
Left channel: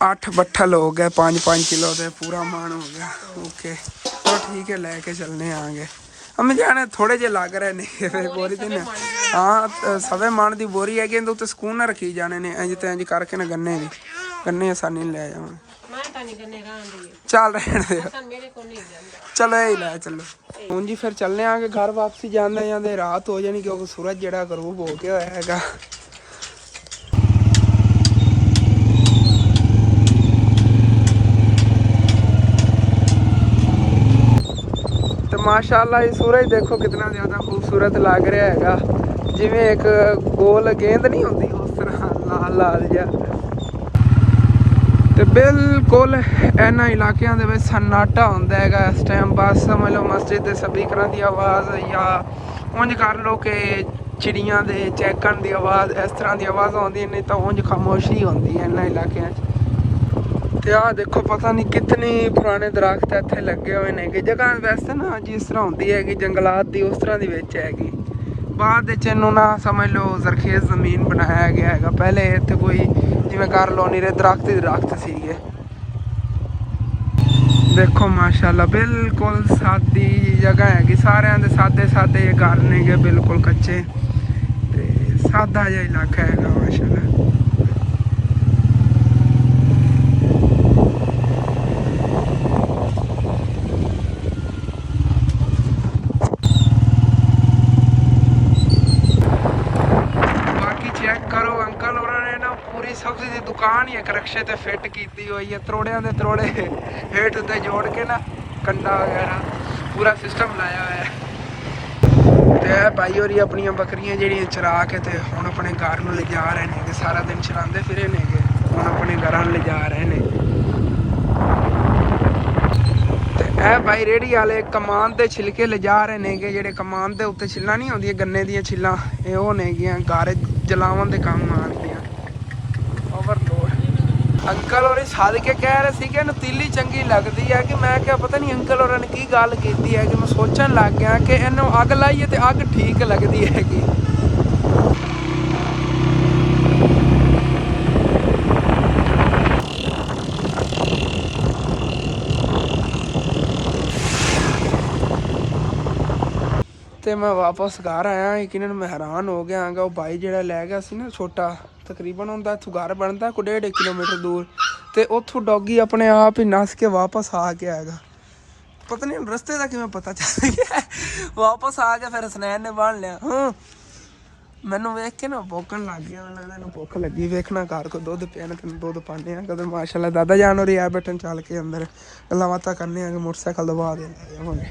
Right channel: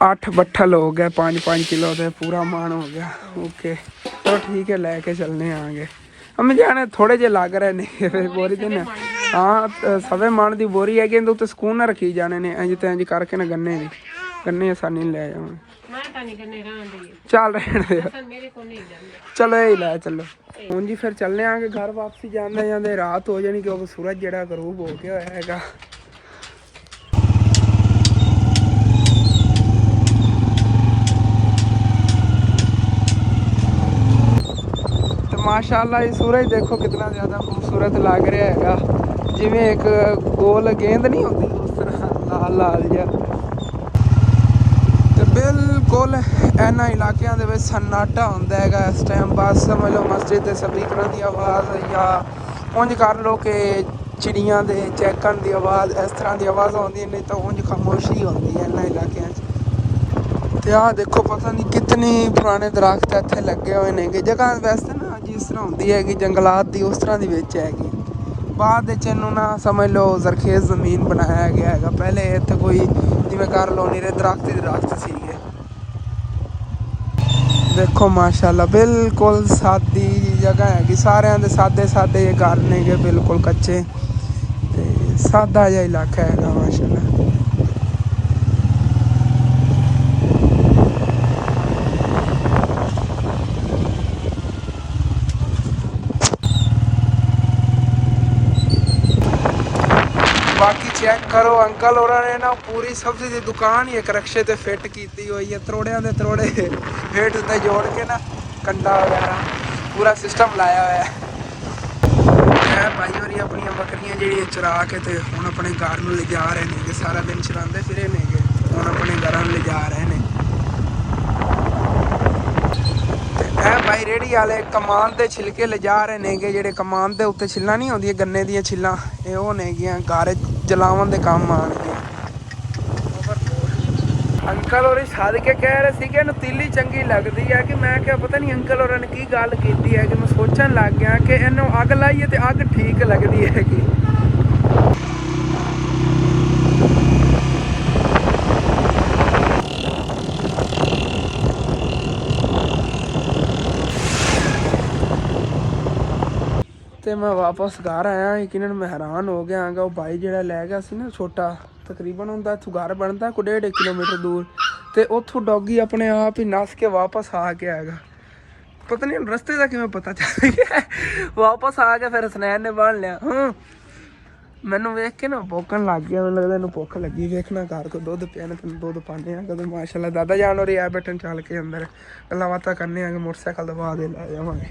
8 ਬੱਠਲ ਹੋ ਗਏ 5-5 ਕਿਲੋ ਦੇ ਪੂਰਾ ਮਾਣ ਹੋ ਗਿਆ ਓਕੇ ਚਲੋ ਠੀਕ ਹੈ ਲੈ ਕੇ ਚੱਲਨੇ ਆਂਗੇ ਅਮੀ ਜਾਨੇ ਥੋੜੇ ਜਿਹੇ ਲੱਗ ਰਹੇ ਨੇ ਬੋਰੀ ਤੇ ਨਾ ਹਾਂ ਸਵੇ ਮਾਣ ਦੀ ਬੋਰੀ ਹੈਗੀ ਇਹਦੇ ਉੱਤੇ ਸਕੂਨ ਨਾਲ ਰੱਖੀ ਜਾਣੇ ਨੇ ਇੰਜ ਤੇ ਇੰਜ ਕਰਕੇ ਨਾ ਗੰਨੇ ਆਸਾਨੀ ਨਾਲ ਲੈ ਜਾਵਾਂ ਚੱਲ ਰਹਿਣ ਦੇ ਚਲੋ ਇਹ ਲੈ ਚੱਲੋ ਹੁਣ ਜੀ ਫਿਰ ਚੱਲਨੇ ਆਂਗੇ ਘਰ ਵਾਪਸੀ ਜਾਂਦੇ ਰਾਤ ਹੋ ਜਾਣੀ ਕਿਉਂਕਿ ਸੂਰਜ ਜਿਹੜਾ ਗਰੂਬ ਹੋ ਗਿਆ ਹੋਇਆ ਹੈਗਾ माशाल्लाह ये सूरज देखो कितना ज़्यादा खूबसूरत लग रहा हैगा जिवें एक गोल गेंद नहीं होती उस तरह लाल लाल जिहा ते बिल्कुल इन्हां इलाकिਆਂ ਦੇ ਵਿੱਚ सन्नाटा ਹੁੰਦਾ ਹੈਗਾ इस टाइम बस समझ लो मस्जिद ਦੇ स्पीकरां ਦੀ आवाज़ या ਉਂਝ कर लो कि चिड़ियां ਦੇ चहकण ਦੀ आवाज़ इस तरह ਦੀ आवाज़ आਉਂਦੀ नहीं तो ਉਂਝ खामोशी ਹੁੰਦੀ ਹੈ इन्हां इलाकिਆਂ 'ਚ ਆ ਦੇਖੋ ਪਤਾ ਨਹੀਂ ਕਿਤਨੇ ਪੁਰਾਣੇ ਦਰਖਤ ਇੱਥੇ ਲੱਗੇ ਹੋਏ ਨੇ ਕਿ ਜਗ੍ਹਾ ਵੈਸੇ ਨਾ ਜਿਸ ਤਰ੍ਹਾਂ ਹੁੰਦੀ ਹੈਗੀ ਜੰਗਲਾਤ ਦੀ ਉਸ ਤਰ੍ਹਾਂ ਦੀ ਵਿੱਚ ਹੈਗੀ ਬਾਅਦ ਵਿੱਚ ਇਹਨੂੰ ਨਾ ਸਮਝ ਲਓ ਜ਼ਰਖੇਜ਼ ਜ਼ਮੀਨ ਬਣਾਇਆ ਗਿਆ ਹੈਗਾ ਪਹਿਲੇ ਇੱਥੇ ਕੋਈ ਜਿਵੇਂ ਕਰ ਲਓ ਨੀਰੇ ਦਰਖਤ ਸੀਗੇ ਦੇਖੋ ਮਾਸ਼ਾਅੱਲਾ ਬਿਲਕੁਲ ਸਾਦੀ ਜਗ੍ਹਾ ਹੈਗੀ ਸਾਰਿਆਂ ਦੇ ਸਾਦੇ ਘਰ ਨੇਗੇ ਬਿਲਕੁਲ ਕੱਚੇ ਸਾਦਾ ਜਿਹਾ ਇਲਾਕਾ ਹੈਗਾ ਮਾਸ਼ਾਅੱਲਾ। ਬਾਕੀ ਚੈੱਕ ਕਰੋ ਅੰਕਲ ਹੋਰਾਂ ਨੇ ਨਾ ਪੂਰੀ ਸਬਜ਼ੀ ਦੀ ਦੁਕਾਨ ਹੀ ਇੱਕ ਰਕਸ਼ੇ ਤੇ ਫਿੱਟ ਕੀਤੀ ਹੋਈ ਹੈ, ਤਰੋੜਿਆਂ ਦੇ ਤਰੋੜੇ ਹੇਠ ਉੱਤੇ ਜੋੜ ਕੇ ਨਾ ਕੰਡਾ ਵਗੈਰਾ ਪੂਰਾ ਸਿਸਟਮ ਲਾਇਆ ਹੋਇਆ ਹੈ। ਤੇ ਭਾਈ ਹੋਰੀ ਆਪਣੀਆਂ ਬੱਕਰੀਆਂ ਜਿਹੜੀਆਂ ਚਰਾ ਕੇ ਤੇ ਹੁਣ ਆਪਣੇ ਘਰ ਨੂੰ ਲਿਜਾ ਰਹੇ ਨੇ, ਸਾਰਾ ਦਿਨ ਚਰਾਉਂਦੇ ਫਿਰੇ ਨੇਗੇ, ਹੁਣ ਆਪਣੇ ਘਰਾਂ ਨੂੰ ਲਿਜਾ ਰਹੇ ਨੇ। ਤੇ ਇਹ ਭਾਈ ਰੇੜੀ ਵਾਲੇ ਕਮਾਨ ਦੇ ਛਿਲਕੇ ਲਿਜਾ ਰਹੇ ਨੇਗੇ, ਜਿਹੜੇ ਕਮਾਨ ਦੇ ਉੱਤੇ ਛਿੱਲਾਂ ਨਹੀਂ ਆਉਂਦੀਆਂ ਗੰਨੇ ਦੀਆਂ ਛਿੱਲਾਂ, ਇਹ ਉਹ ਨੇਗੀਆਂ ਘਰ ਜਲਾਵਣ ਦੇ ਕੰਮ ਆਉਣਗੀਆਂ। ਅੰਕਲ ਹੋਰੀ ਸਾਦ ਕੇ ਕਹਿ ਰਹੇ ਸੀ ਕਿ ਇਹਨੂੰ ਤੀਲੀ ਚੰਗੀ ਲੱਗਦੀ ਹੈ, ਕਿ ਮੈਂ ਕਿਹਾ ਪਤਾ ਨਹੀਂ ਅੰਕਲ ਹੋਰਾਂ ਨੇ ਕੀ ਗੱਲ ਕੀਤੀ ਹੈ, ਕਿ ਮੈਂ ਸੋਚਣ ਲੱਗ ਗਿਆ ਕਿ ਇਹਨੂੰ ਅੱਗ ਲਾਈਏ ਤੇ ਅੱਗ ਠੀਕ ਲੱਗਦੀ ਹੈਗੀ। ਤੇ ਮੈਂ ਵਾਪਸ ਘਰ ਆਇਆ, ਯਕੀਨਨ ਮੈਂ ਹੈਰਾਨ ਹੋ ਗਿਆ ਆਂਗਾ। ਉਹ ਭਾਈ ਜਿਹੜਾ ਲੈ ਗਿਆ ਸੀ ਨਾ ਛੋਟਾ, ਤਕਰੀਬਨ ਹੁੰਦਾ ਇੱਥੋਂ ਘਰ ਬਣਦਾ ਕੋਈ 1.5 ਕਿਲੋਮੀਟਰ ਦੂਰ, ਤੇ ਉੱਥੋਂ ਡੌਗੀ ਆਪਣੇ ਆਪ ਹੀ ਨੱਸ ਕੇ ਵਾਪਸ ਆ ਗਿਆ ਹੈਗਾ। ਪਤਾ ਨਹੀਂ ਰਸਤੇ ਦਾ ਕਿਵੇਂ ਪਤਾ ਚੱਲ ਗਿਆ, ਵਾਪਸ ਆ ਗਿਆ। ਫਿਰ ਹਸਨੈਨ ਨੇ ਬੰਨ ਲਿਆ। ਮੈਨੂੰ ਵੇਖ ਕੇ ਨਾ ਭੁੱਖਣ ਲੱਗ ਗਿਆ, ਮੈਨੂੰ ਲੱਗਦਾ ਇਹਨੂੰ ਭੁੱਖ ਲੱਗੀ। ਵੇਖਣਾ ਘਰ ਕੋ ਦੁੱਧ ਪਿਆ ਨਾ, ਤੈਨੂੰ ਦੁੱਧ ਪਾਉਂਦੇ ਆ ਕਦੋਂ। ਮਾਸ਼ਾਅੱਲਾ ਦਾਦਾ ਜਾਨ ਹੋਰੀ ਆ ਬੈਠਣ, ਚੱਲ ਕੇ ਅੰਦਰ ਗੱਲਾਂ ਬਾਤਾਂ ਕਰਨੇ ਆਗੇ, ਮੋਟਰਸਾਈਕਲ ਦਬਾ ਦੇ ਲੈ ਜਾਵਾਂਗੇ,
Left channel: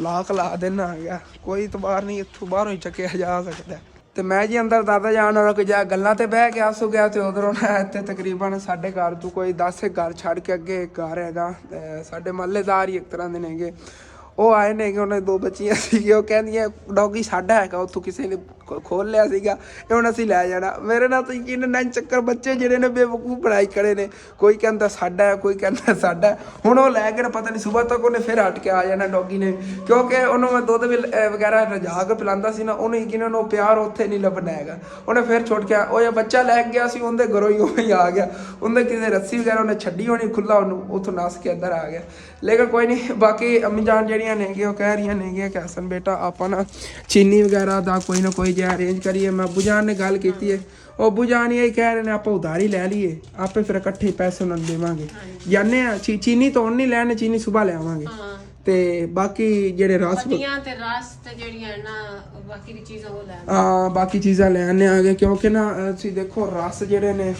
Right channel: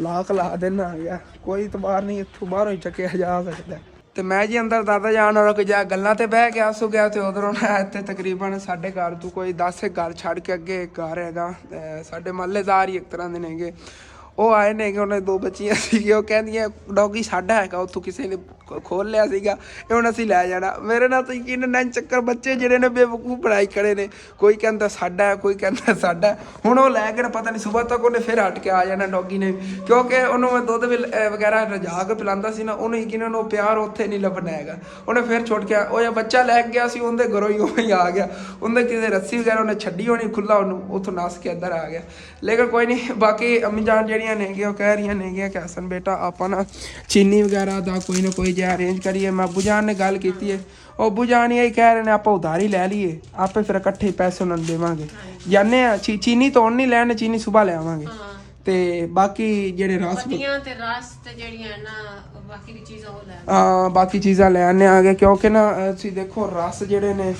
ਲਾ ਦੇਣਾ ਆ ਗਿਆ। ਕੋਈ ਇਤਬਾਰ ਨਹੀਂ, ਇੱਥੋਂ ਬਾਹਰੋਂ ਹੀ ਚੱਕਿਆ ਜਾ ਸਕਦਾ। ਤੇ ਮੈਂ ਜੀ ਅੰਦਰ ਦਾਦਾ ਜਾਨ ਹੋਰਾਂ ਕੋਈ ਜਾ ਗੱਲਾਂ ਤੇ ਬਹਿ ਗਿਆ ਸੋ ਗਿਆ। ਤੇ ਉਧਰੋਂ ਨਾ ਇੱਥੇ ਤਕਰੀਬਨ ਸਾਡੇ ਘਰ ਤੋਂ ਕੋਈ 10 ਘਰ ਛੱਡ ਕੇ ਅੱਗੇ ਇੱਕ ਘਰ ਹੈਗਾ, ਸਾਡੇ ਮਹੱਲੇਦਾਰ ਹੀ ਇੱਕ ਤਰ੍ਹਾਂ ਦੇ ਨੇਗੇ। ਉਹ ਆਏ ਨੇਗੇ, ਉਹਨਾਂ 2 ਬੱਚੀਆਂ ਸੀਗੀਆਂ। ਉਹ ਕਹਿੰਦੀਆਂ ਡੌਗੀ ਸਾਡਾ ਹੈਗਾ, ਉੱਥੋਂ ਕਿਸੇ ਨੇ ਖੋਲ ਲਿਆ ਸੀਗਾ, ਇਹ ਹੁਣ ਅਸੀਂ ਲੈ ਜਾਣਾ। ਮੇਰੇ ਨਾਲ ਤਾਂ ਯਕੀਨ ਨਹੀਂ ਚੱਕਰ ਬੱਚੇ ਜਿਹੜੇ ਨੇ ਬੇਵਕੂਫ ਬਣਾਈ ਖੜੇ ਨੇ, ਕੋਈ ਕਹਿੰਦਾ ਸਾਡਾ, ਕੋਈ ਕਹਿੰਦਾ ਸਾਡਾ। ਹੁਣ ਉਹ ਲੈ ਕੇ ਪਤਾ ਨਹੀਂ ਸਵੇਰ ਤੱਕ ਉਹਨੇ ਫਿਰ ਹਟ ਕੇ ਆ ਜਾਣਾ ਡੌਗੀ ਨੇ, ਕਿਉਂਕਿ ਉਹਨੂੰ ਮੈਂ ਦੁੱਧ ਵਗੈਰਾ ਰਜਾ ਕੇ ਪਿਲਾਉਂਦਾ ਸੀ ਨਾ, ਉਹਨੂੰ ਯਕੀਨਨ ਉਹ ਪਿਆਰ ਉੱਥੇ ਨਹੀਂ ਲੱਭਣਾ ਹੈਗਾ। ਉਹਨੇ ਫਿਰ ਛੁੱਟ ਗਿਆ। ਉਹ ਜਿਹਾ ਬੱਚਾ ਲੈ ਗਿਆ ਸੀ, ਉਹਦੇ ਘਰੋਂ ਹੀ ਉਵੇਂ ਹੀ ਆ ਗਿਆ। ਉਹਦੇ ਕਿਸੇ ਰੱਸੀ ਵਗੈਰਾ ਉਹਨੇ ਛੱਡੀ ਹੋਣੀ ਖੁੱਲਾ, ਉਹਨੂੰ ਉੱਥੋਂ ਨੱਸ ਕੇ ਇੱਧਰ ਆ ਗਿਆ। ਲੇਕਿਨ ਕੋਈ ਨਹੀਂ, ਬਾਕੀ ਅੰਮੀ ਜਾਨ ਜਿਹੜੀਆਂ ਨੇਗੀਆਂ ਉਹ ਕਹਿ ਰਹੀਆਂ ਨੇਗੀਆਂ ਕਿ ਹਸਨ ਬੇਟਾ ਆਪਾਂ ਨਾ ਚੀਨੀ ਵਗੈਰਾ ਦਾ ਕੋਈ ਨਾ ਕੋਈ ਜਿਹਾ ਅਰੇਂਜ ਕਰੀਏ। ਮੈਂ ਅੱਬੂ ਜਾਨ ਨੇ ਗੱਲ ਕੀਤੀ ਹੈ, ਉਹ ਅੱਬੂ ਜਾਨ ਇਹ ਕਹਿ ਰਹੇ ਨੇ ਆਪਾਂ ਉਧਾਰੀ ਲੈ ਲਈਏ, ਆਪੇ ਫਿਰ ਇਕੱਠੇ ਪੈਸੇ ਉਹਨਾਂ ਨੂੰ ਦੇਵਾਂਗੇ। ਜਾਨੇ ਆ ਚੀਨੀ ਤੋਂ ਨਹੀਂ ਲੈਣ, ਚੀਨੀ ਸੁਬਾ ਲੈ ਆਵਾਂਗੇ। ਤੇ ਬਾਕੀ ਜਿਹੜੇ ਰਸ ਤੇ ਜਿਹੜੀਆਂ ਨਾ ਬਾਕੀ ਦੀ ਚੀਜ਼ਾਂ ਉਹ ਲੈ ਬਾਕੀ ਚੀਜ਼ਾਂ ਲੈ ਆਨੇ ਆਗੇ, ਕਿਉਂਕਿ ਨਾ ਤੁਸੀਂ ਦੇਖੋ ਰਸ ਜਿਹੜੇ ਨੇ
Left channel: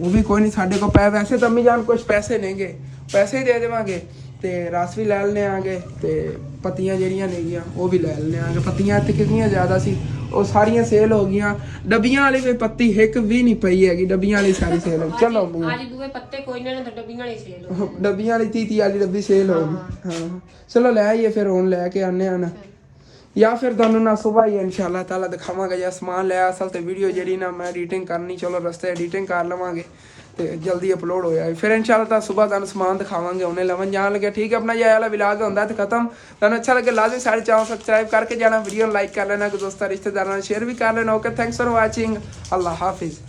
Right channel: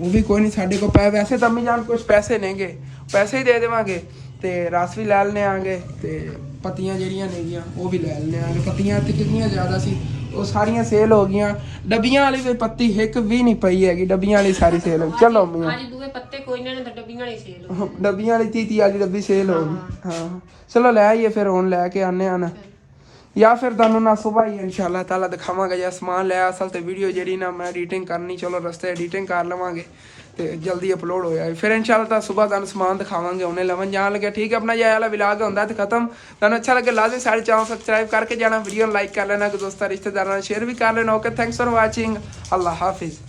ਉਹ ਵੀ ਕੋਈ ਨਹੀਂ ਸਾਡੇ ਕੋਲ ਪੈ। ਵੈਸੇ ਤਾਂ ਅੰਮੀ ਜਾਨ ਕੁਛ ਪੈਸੇ ਨੇਗੇ, ਪੈਸੇ ਹੀ ਦੇ ਦੇਵਾਂਗੇ। ਤੇ ਰਸ ਵੀ ਲੈ ਲੈਣੇ ਆਗੇ, ਤੇ ਪੱਤੀਆਂ ਜਿਹੜੀਆਂ ਨੇਗੀਆਂ ਉਹ ਵੀ ਲੈ ਲੈਣੇ ਆਗੇ। ਪੱਤੀਆਂ ਇੱਥੇ ਕਿੰਨੀਆਂ ਜ਼ਿਆਦਾ ਸੀ, ਉਹ ਸਾਰੀਆਂ ਸੇਲ ਹੋ ਗਈਆਂ। ਡੱਬੀਆਂ ਵਾਲੀ ਕੋਈ ਪੱਤੀ ਇੱਕ ਵੀ ਨਹੀਂ ਪਈ ਹੈਗੀ, ਡੱਬੀਆਂ ਵਾਲੀ ਸਾਰੀ ਸੇਲ ਹੋ ਗਈ। ਚਲੋ ਅੱਜ ਦੂਏ ਪੱਤੇ ਕੋਈ ਨਾ, ਡੱਬੀਆਂ ਵਾਲੀ ਸੇਲ ਹੋ ਗਈ, ਡੱਬੀਆਂ ਵਾਲੀ 30 ਵਾਲੀ ਡੱਬੀ ਸੇਲ ਹੋ ਗਈ। ਹਾਂ ਚਲੋ ਲੈ ਆਈਏ ਫਿਰ, ਹੁਣ ਲੈ ਕੇ ਆਨੇ ਆ ਨਾ, ਜਾਂ ਫਿਰ ਤੁਹਾਨੂੰ ਨਾ ਸੁਬਾਹ ਹੀ ਇਨਸ਼ਾਅੱਲਾ ਤਾਲਾ ਦਿਖਾਵਾਂਗਾ ਜਾਂ ਸਮਾਨ ਲੈ। ਅਸਲ ਤੇ ਵੀਡੀਓ ਜਿਹੜੀ ਨਾ ਮੈਂ ਐਡੀਟਿੰਗ ਕਰਨੀ, ਚਲੋ ਰਸਤੇ ਐਡੀਟਿੰਗ ਕਰ ਲਵਾਂਗੇ ਤੇ ਜਲਦੀ ਅਪਲੋਡ ਹੋ ਜਾਏ। ਫਿਰ ਇਨਸ਼ਾਅੱਲਾ ਤਾਂ ਸੁਬਾਹ ਤੁਹਾਨੂੰ ਸਮਾਨ ਦਿਖਾਵਾਂਗੇ। ਉਹਨੇ ਲਵਨ ਜਾਣ ਲੱਗਿਆ, ਠੀਕ ਹੈ। ਆਪਣਾ ਇਹ ਵਾਲਾ ਵਲੌਗ ਹੁੰਦਾ ਤੇ ਖਤਮ। ਤੁਹਾਨੂੰ ਅੱਛਾ ਲੱਗੇ ਲਾਜ਼ਮੀ ਸਾਡੇ ਚੈਨਲ ਸਬਸਕ੍ਰਾਈਬ ਕਰਕੇ ਜਾਣਾ, ਵੀਡੀਓ ਲਾਈਕ ਕਰ ਲੈਣਾ, ਦੋਸਤਾਂ ਰਿਸ਼ਤੇਦਾਰਾਂ ਨਾਲ ਸ਼ੇਅਰ ਵੀ ਕਰ ਲੈਣਾ। Okay, thanks for watching. अल्लाह हाफिज़।